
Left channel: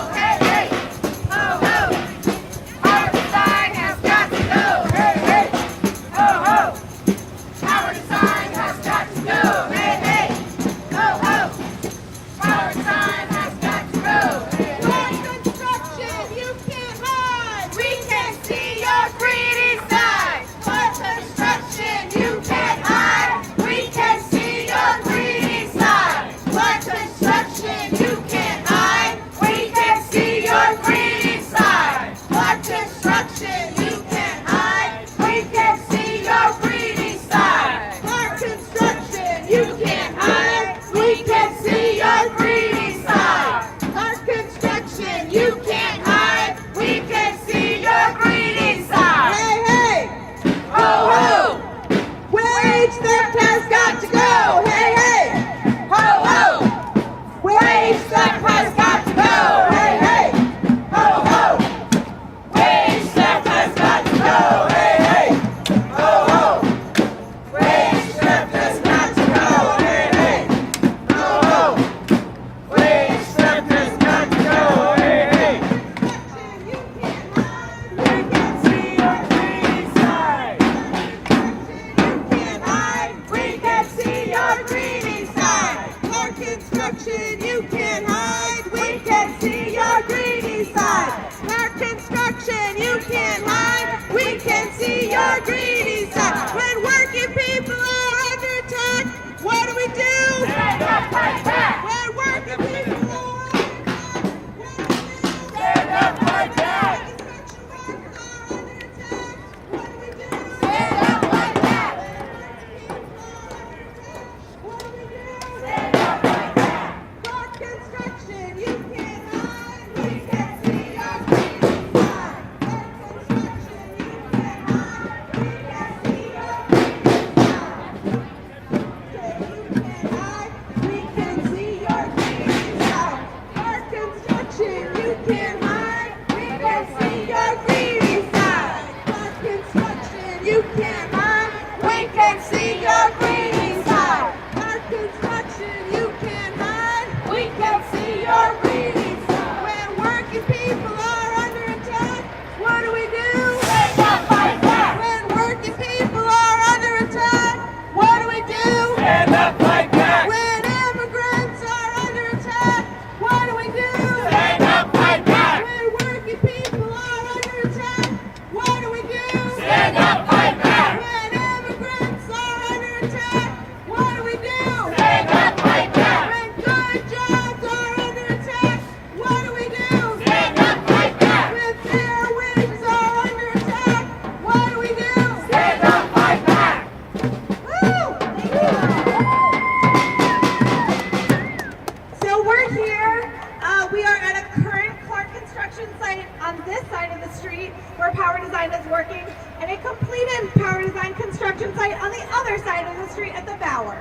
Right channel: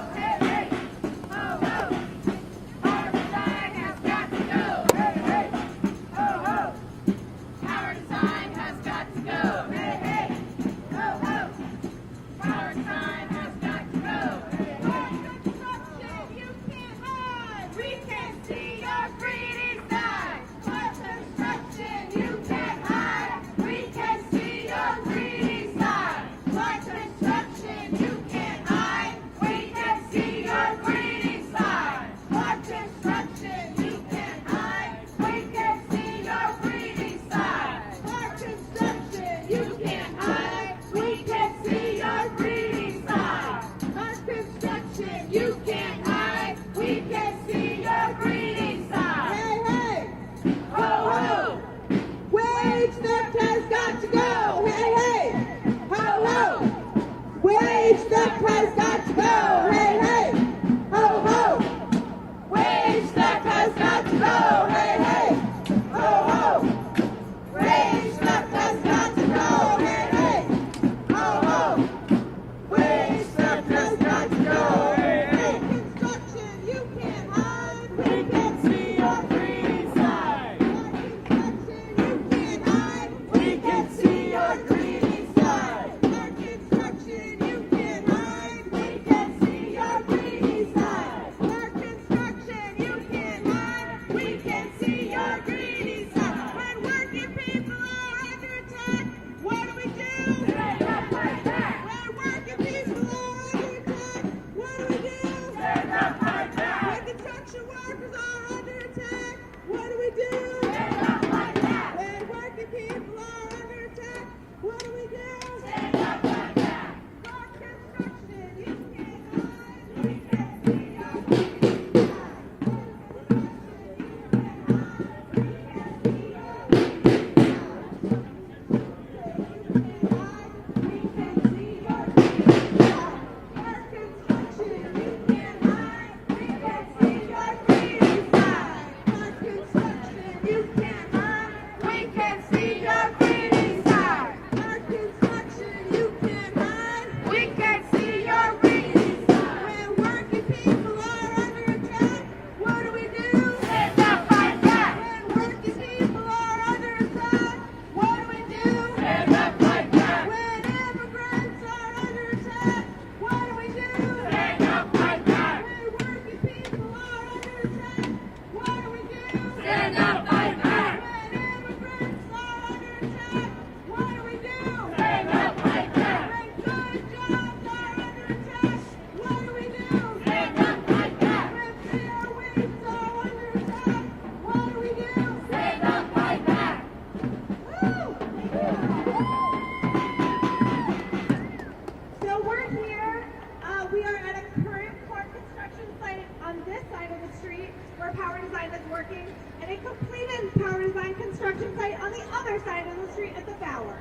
street where Power Design is working, and a completed Power Design construction site on the other side of the street at the Bower.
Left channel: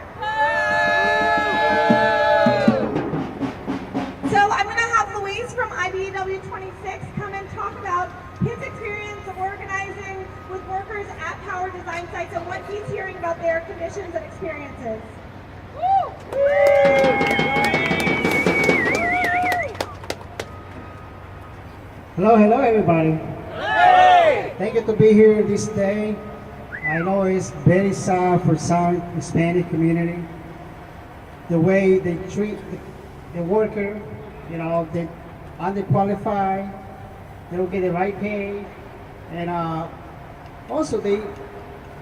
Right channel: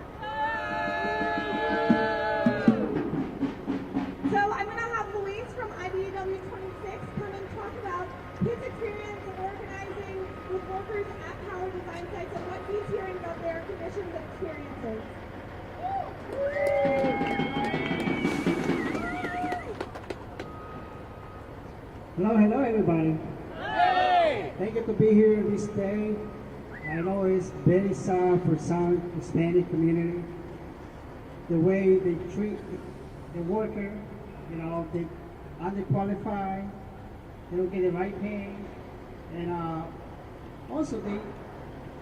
So I'm going to have Luis from IBEW 26 come and talk about his experience of organizing with workers at Power Design sites and what he's hearing about their conditions and experiences. Hello everybody. Hey! Thank you to be here this day. I know it's very sad for some Hispanic community. The way they treat the worker, you know, they're underqualified, they don't get the right pay, and also they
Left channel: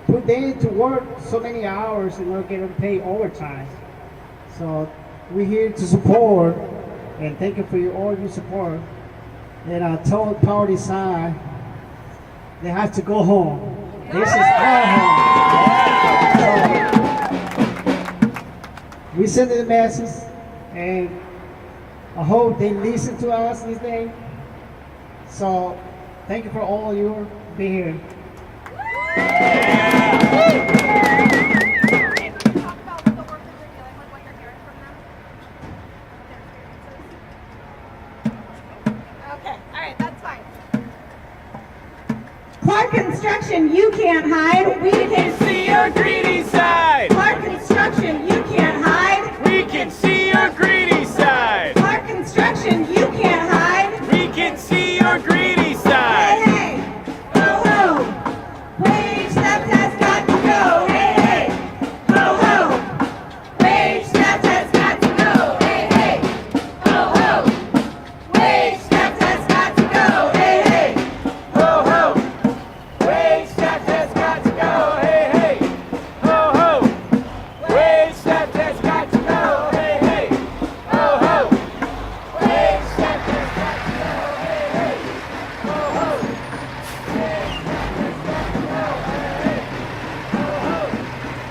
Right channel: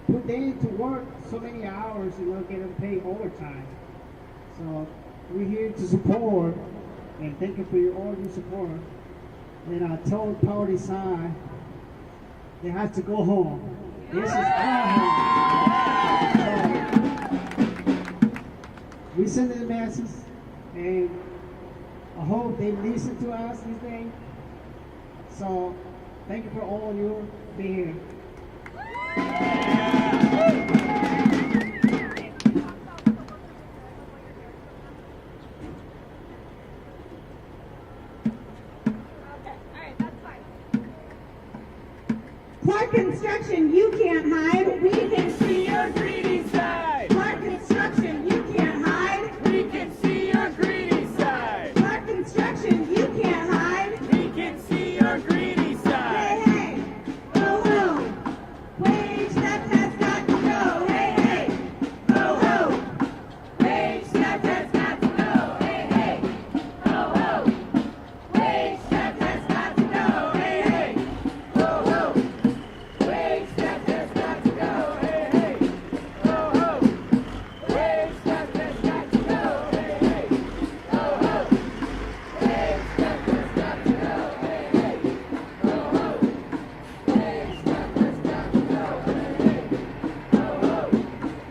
put them to work so many hours and not getting paid overtime. So we're here to support, and thank you for all your support. And I told Power Design they have to go home. This is our home. So we send the message, and I hope they listen to us this day. So thank you for all your being here. Clark Construction, you can't hide. We can see your greedy side. Clark Construction, you can't hide. We can see your greedy side. Clark Construction, you can't hide. We can see your greedy side. Hey, hey, ho, ho. Wage theft has got to go. Hey, hey, ho, ho. Wage theft has got to go. Hey, hey, ho, ho. Wage theft has got to go. Hey, hey, ho, ho. Wage theft has got to go. Hey, hey, ho, ho. Wage theft has got to go. Hey, hey, ho, ho. Wage theft has got to go. Hey, hey, ho, ho.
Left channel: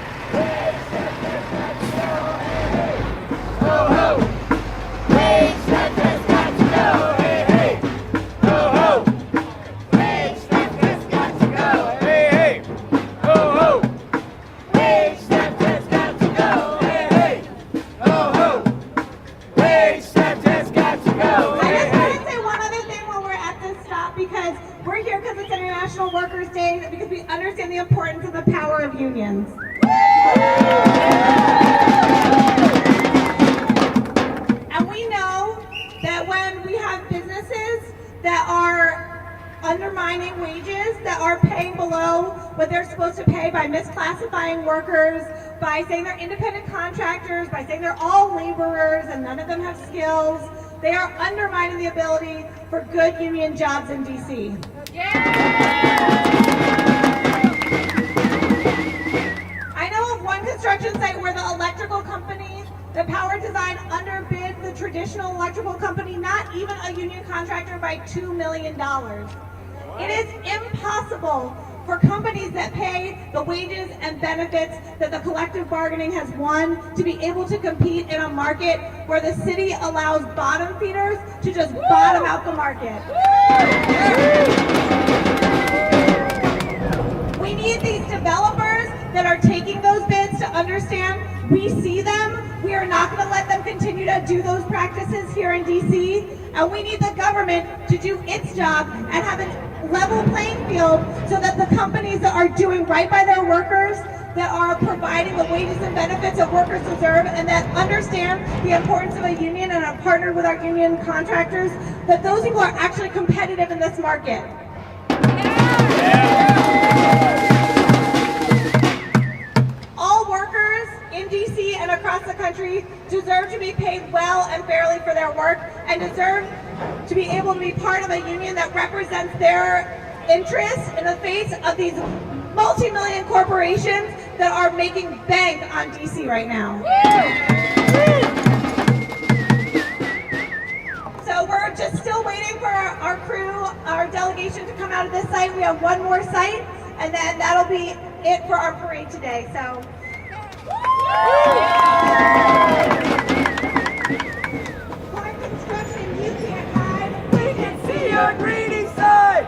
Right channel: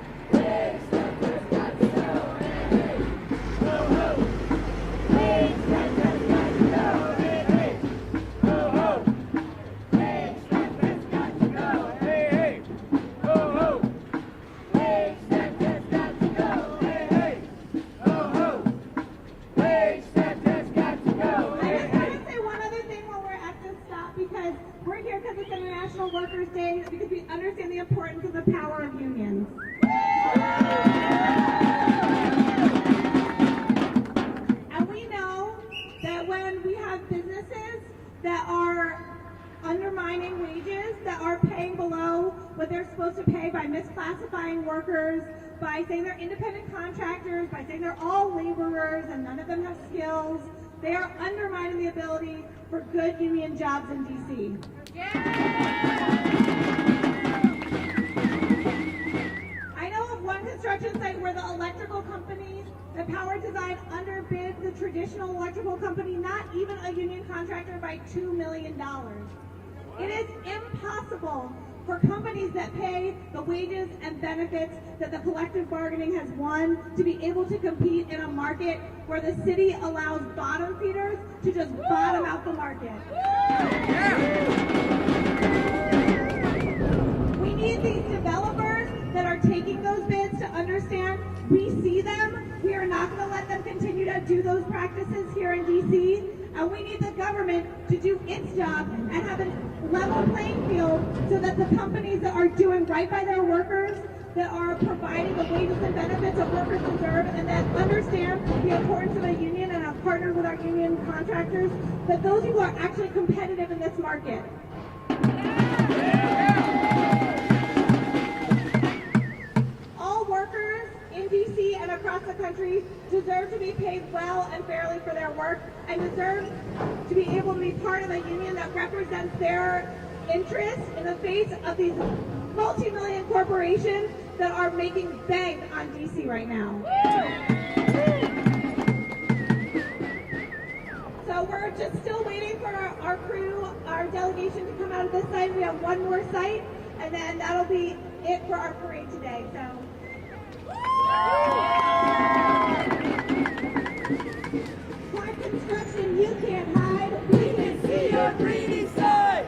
Wage theft has got to go. Hey, hey, ho, ho. Wage theft has got to go. Hey, hey, ho, ho. Wage theft has got to go. Hey, hey, ho, ho. Wage theft has got to go. Hey, hey, ho, ho. Wage theft has got to go. Hey, hey, ho, ho. Wage theft has got to go. I just want to say one other thing while we're at this stop, because we're here because it's International Workers' Day, because we understand the importance of the power of unions. And we know that when we have businesses that are undermining wages, that are paying below what they're supposed to pay by misclassifying workers, by saying they're independent contractors, by saying they're all laborers and none of them have skills, they are undermining the ability for good union jobs in DC. I know of one construction site where the electrical company, the Power Design, underbid the traditional electrical company, not even a union contractor, by $2 million. It is impossible for companies that pay the wages and benefits that the collective bargaining has won to be able to compete in a market where the city allows bottom feeders to just bottom out the market. We need these developers that are taking those bids to understand we see them. We are not going to let them continue to do those practices here in DC. And we need the government to do its job and have a level playing field so that the companies that are doing right by their workers, that are providing the wages and benefits that workers deserve, and that understand the importance of a union and are partnered with our union contractors, that those people are actually competitive in this market. All workers in DC and across the country deserve to be paid well and fairly for their work, and deserve to be able to be part of a union that represents their interests in the face of these multi-million corporations that are making bank on DC right now. So we're just still waiting for our crew, our delegation to come out of this site. We have one more site, and then that'll be it for our parade today. So. Clark Construction, you can't hide. We can see your greedy side.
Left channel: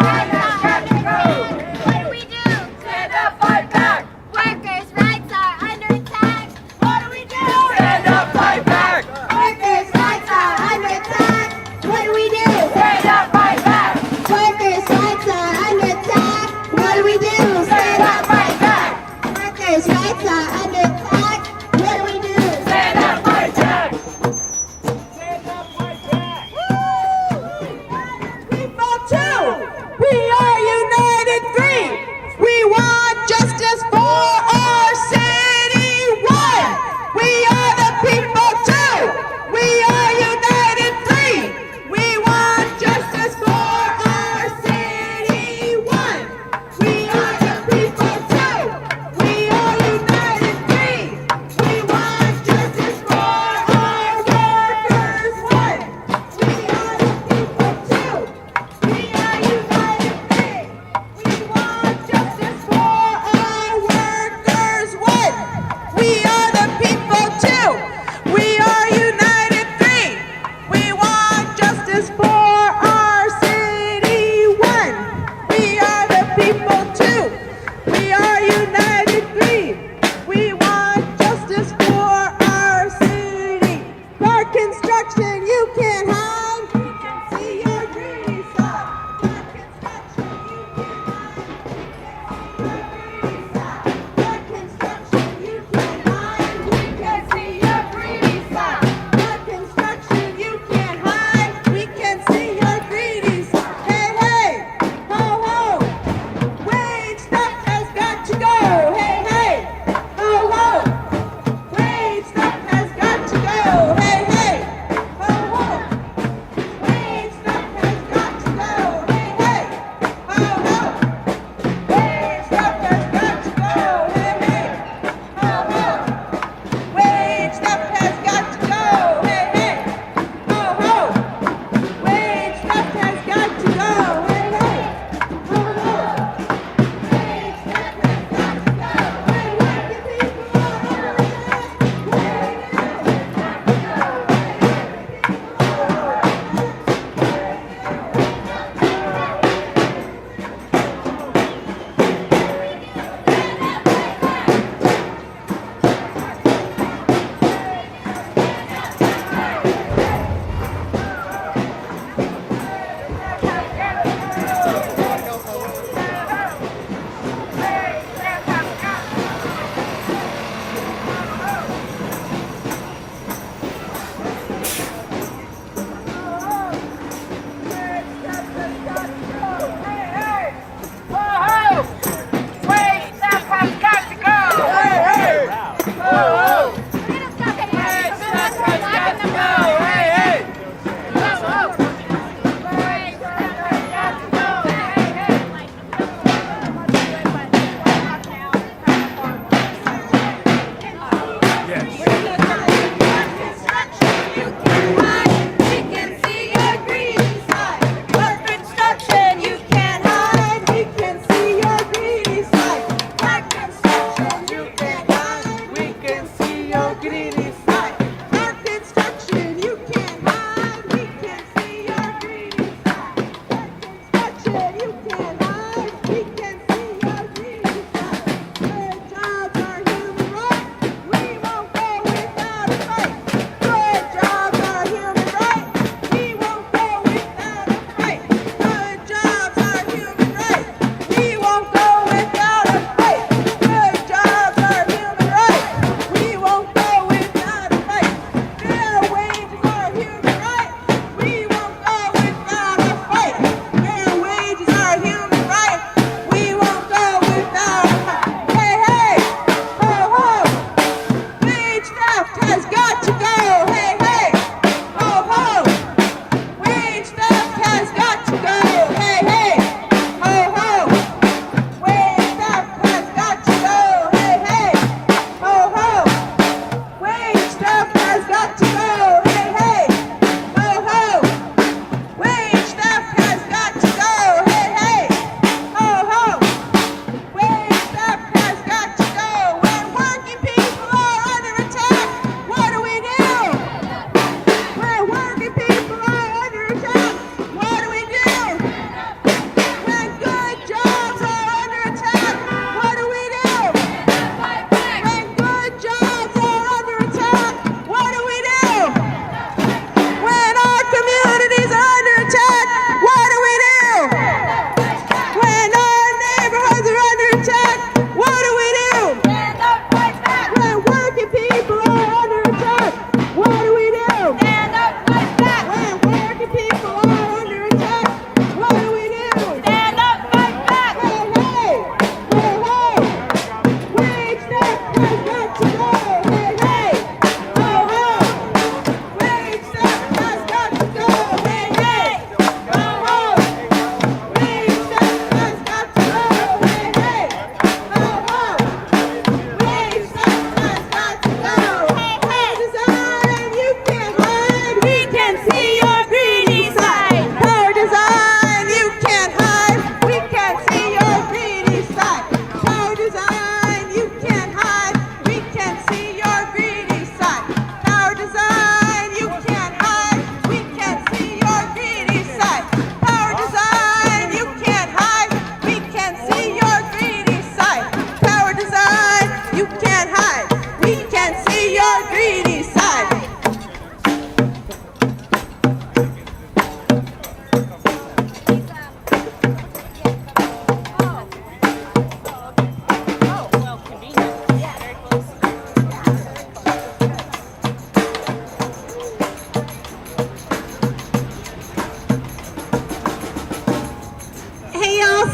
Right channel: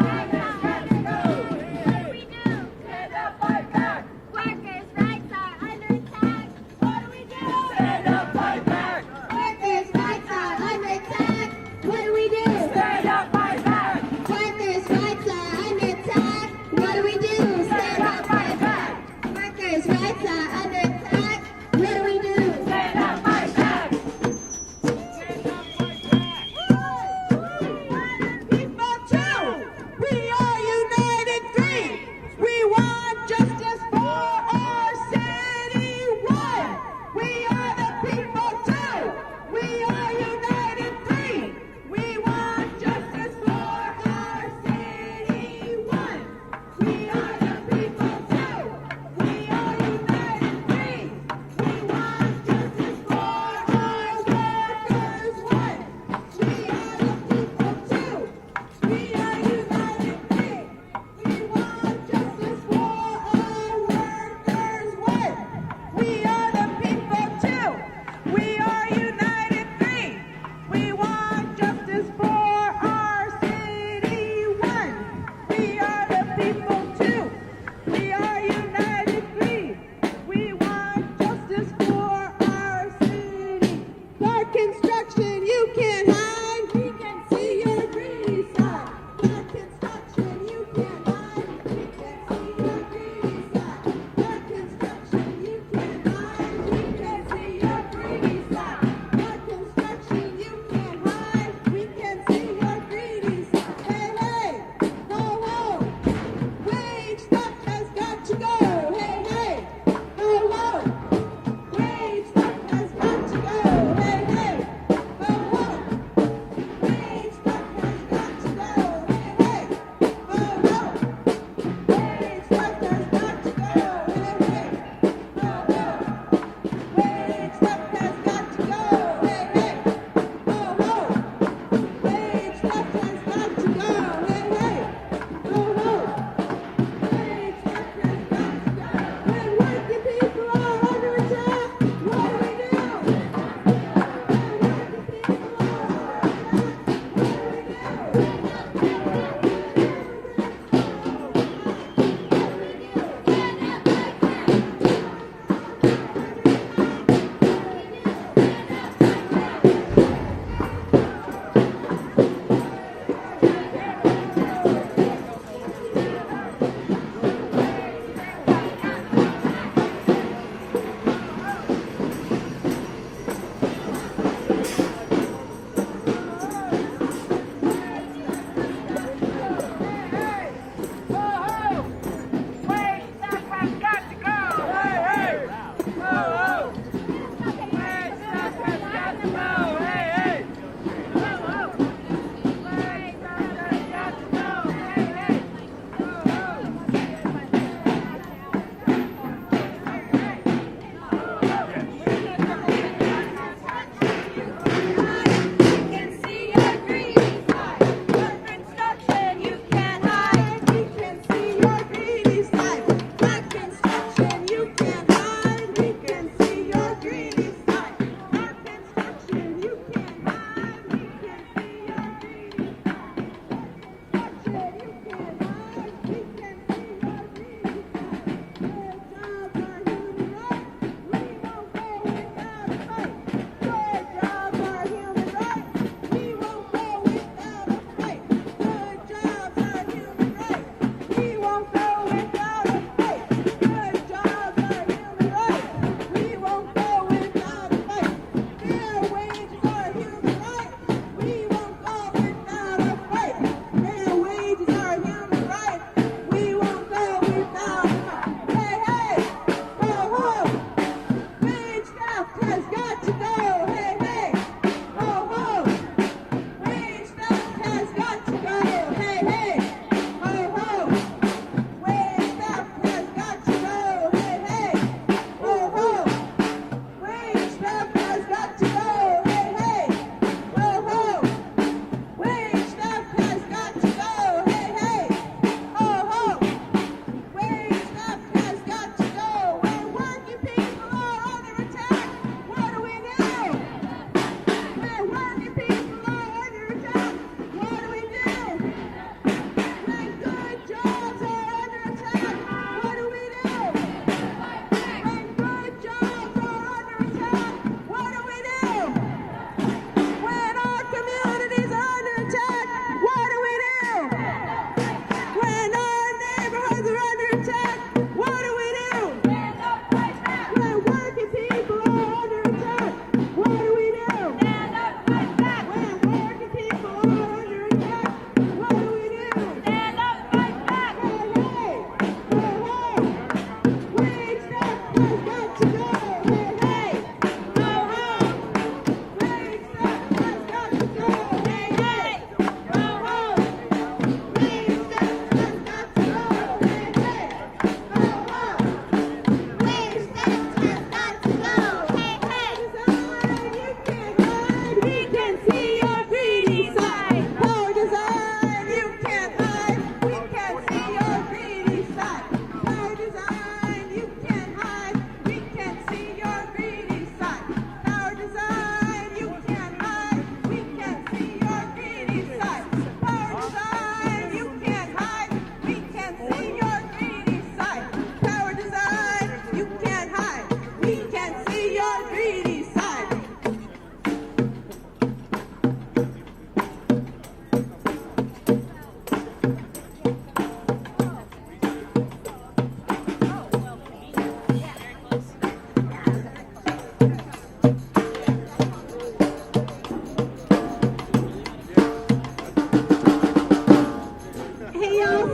What do we do? Stand up, fight back. Workers' rights are under attack. What do we do? Stand up, fight back. Workers' rights are under attack. What do we do? Stand up, fight back. Workers' rights are under attack. What do we do? Stand up, fight back. Workers' rights are under attack. What do we do? Stand up, fight back. People too. We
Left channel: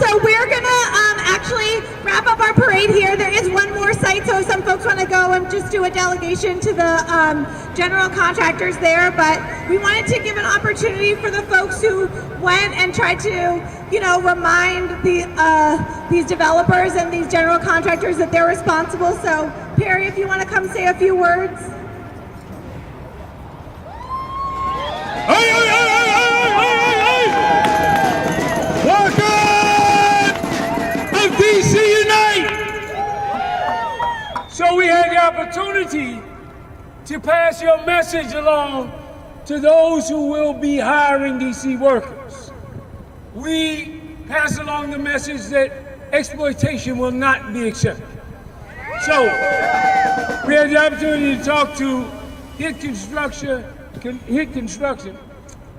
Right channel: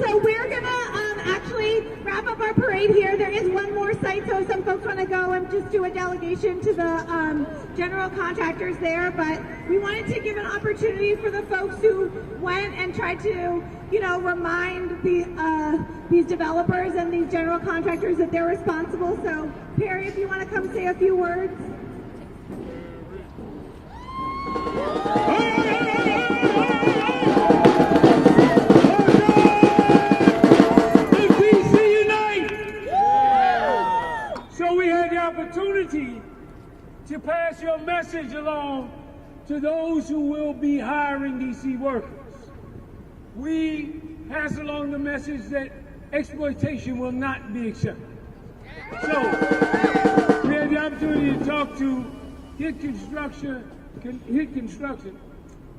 so we're gonna actually wrap up our parade here. There is one more site, so if some folks want to go and just do a delegation to the general contractors there, but we wanted to give an opportunity for the folks who went and tried to, you know, remind these developers and these general contractors that they're responsible. So Perry, if you want to come say a few words. So we had the opportunity to pass your message along to those who will be hiring DC workers. We pass along the message that exploitation will not be accepted. So we had the opportunity to talk to Hit Construction,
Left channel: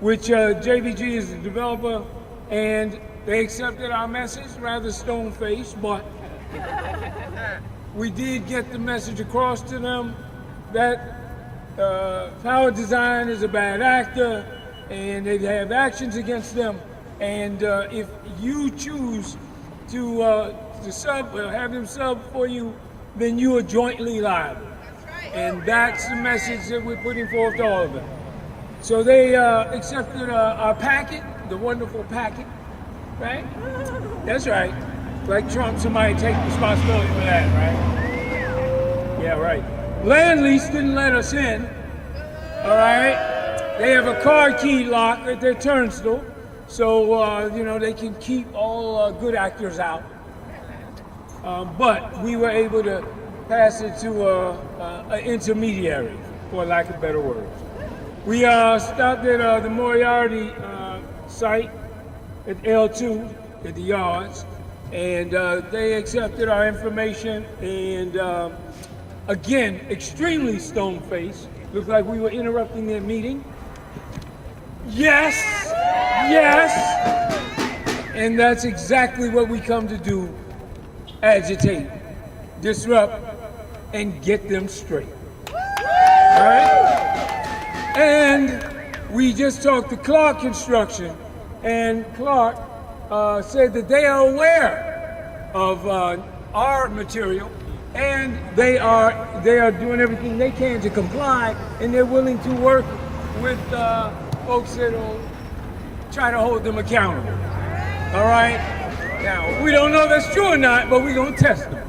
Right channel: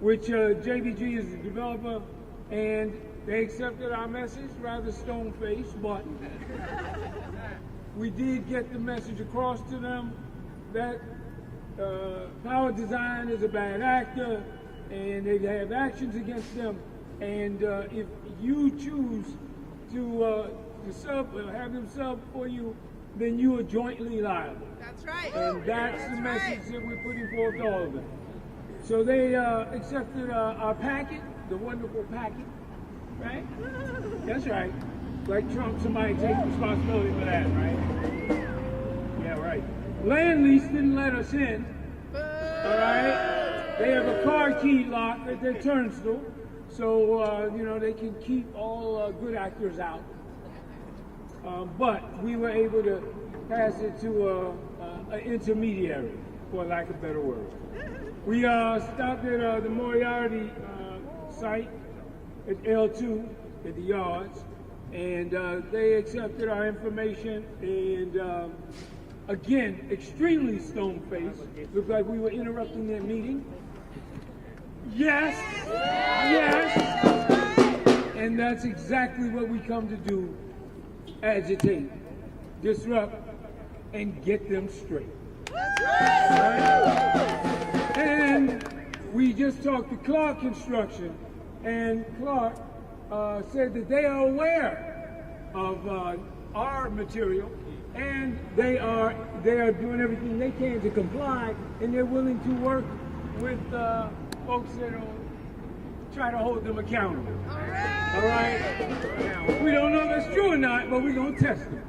which JBG is the developer, and they accepted our message, rather stone-faced, but we did get the message across to them that Power Design is a bad actor and they have actions against them. And if you choose to have them sub for you, then you are jointly liable. That's right. And that's the message that we're putting forth to all of them. So they accepted our packet, the wonderful packet, right? That's right. Like Trump, somebody take responsibility for that, right? Yeah, right. Land Lease didn't let us in, all right? They have a car key lock at their turnstile, so, you know, they can keep all good actors out. But we were able to pass it to an intermediary, for lack of better words. We stopped at the Moriarty site at L2, at the yards, and they accepted our information, and again, extremely stone-faced. Looked like we were interrupting their meeting. Yes, yes, and that's exactly what we come to do: agitate, disrupt, and get them straight. All right? And we just talked to Clark Construction, and Clark said that they are aware of our material, and they are doing everything they can to comply, and they're willing to work with folks that will try to hold them accountable. All right? Now, we don't know if that's true or not, but we're going to test them.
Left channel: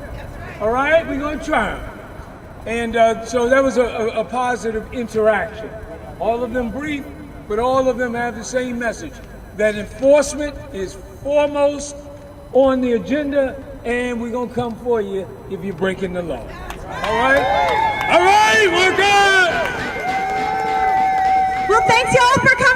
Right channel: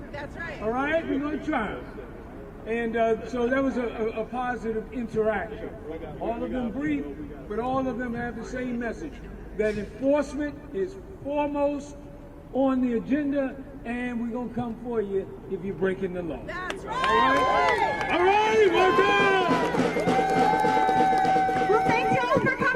All right? We're going to try them. And so that was a positive interaction. All of them brief, but all of them have the same message, that enforcement is foremost on the agenda, and we're going to come for you if you're breaking the law. All right? All right, we're good! Well, thanks y'all for coming.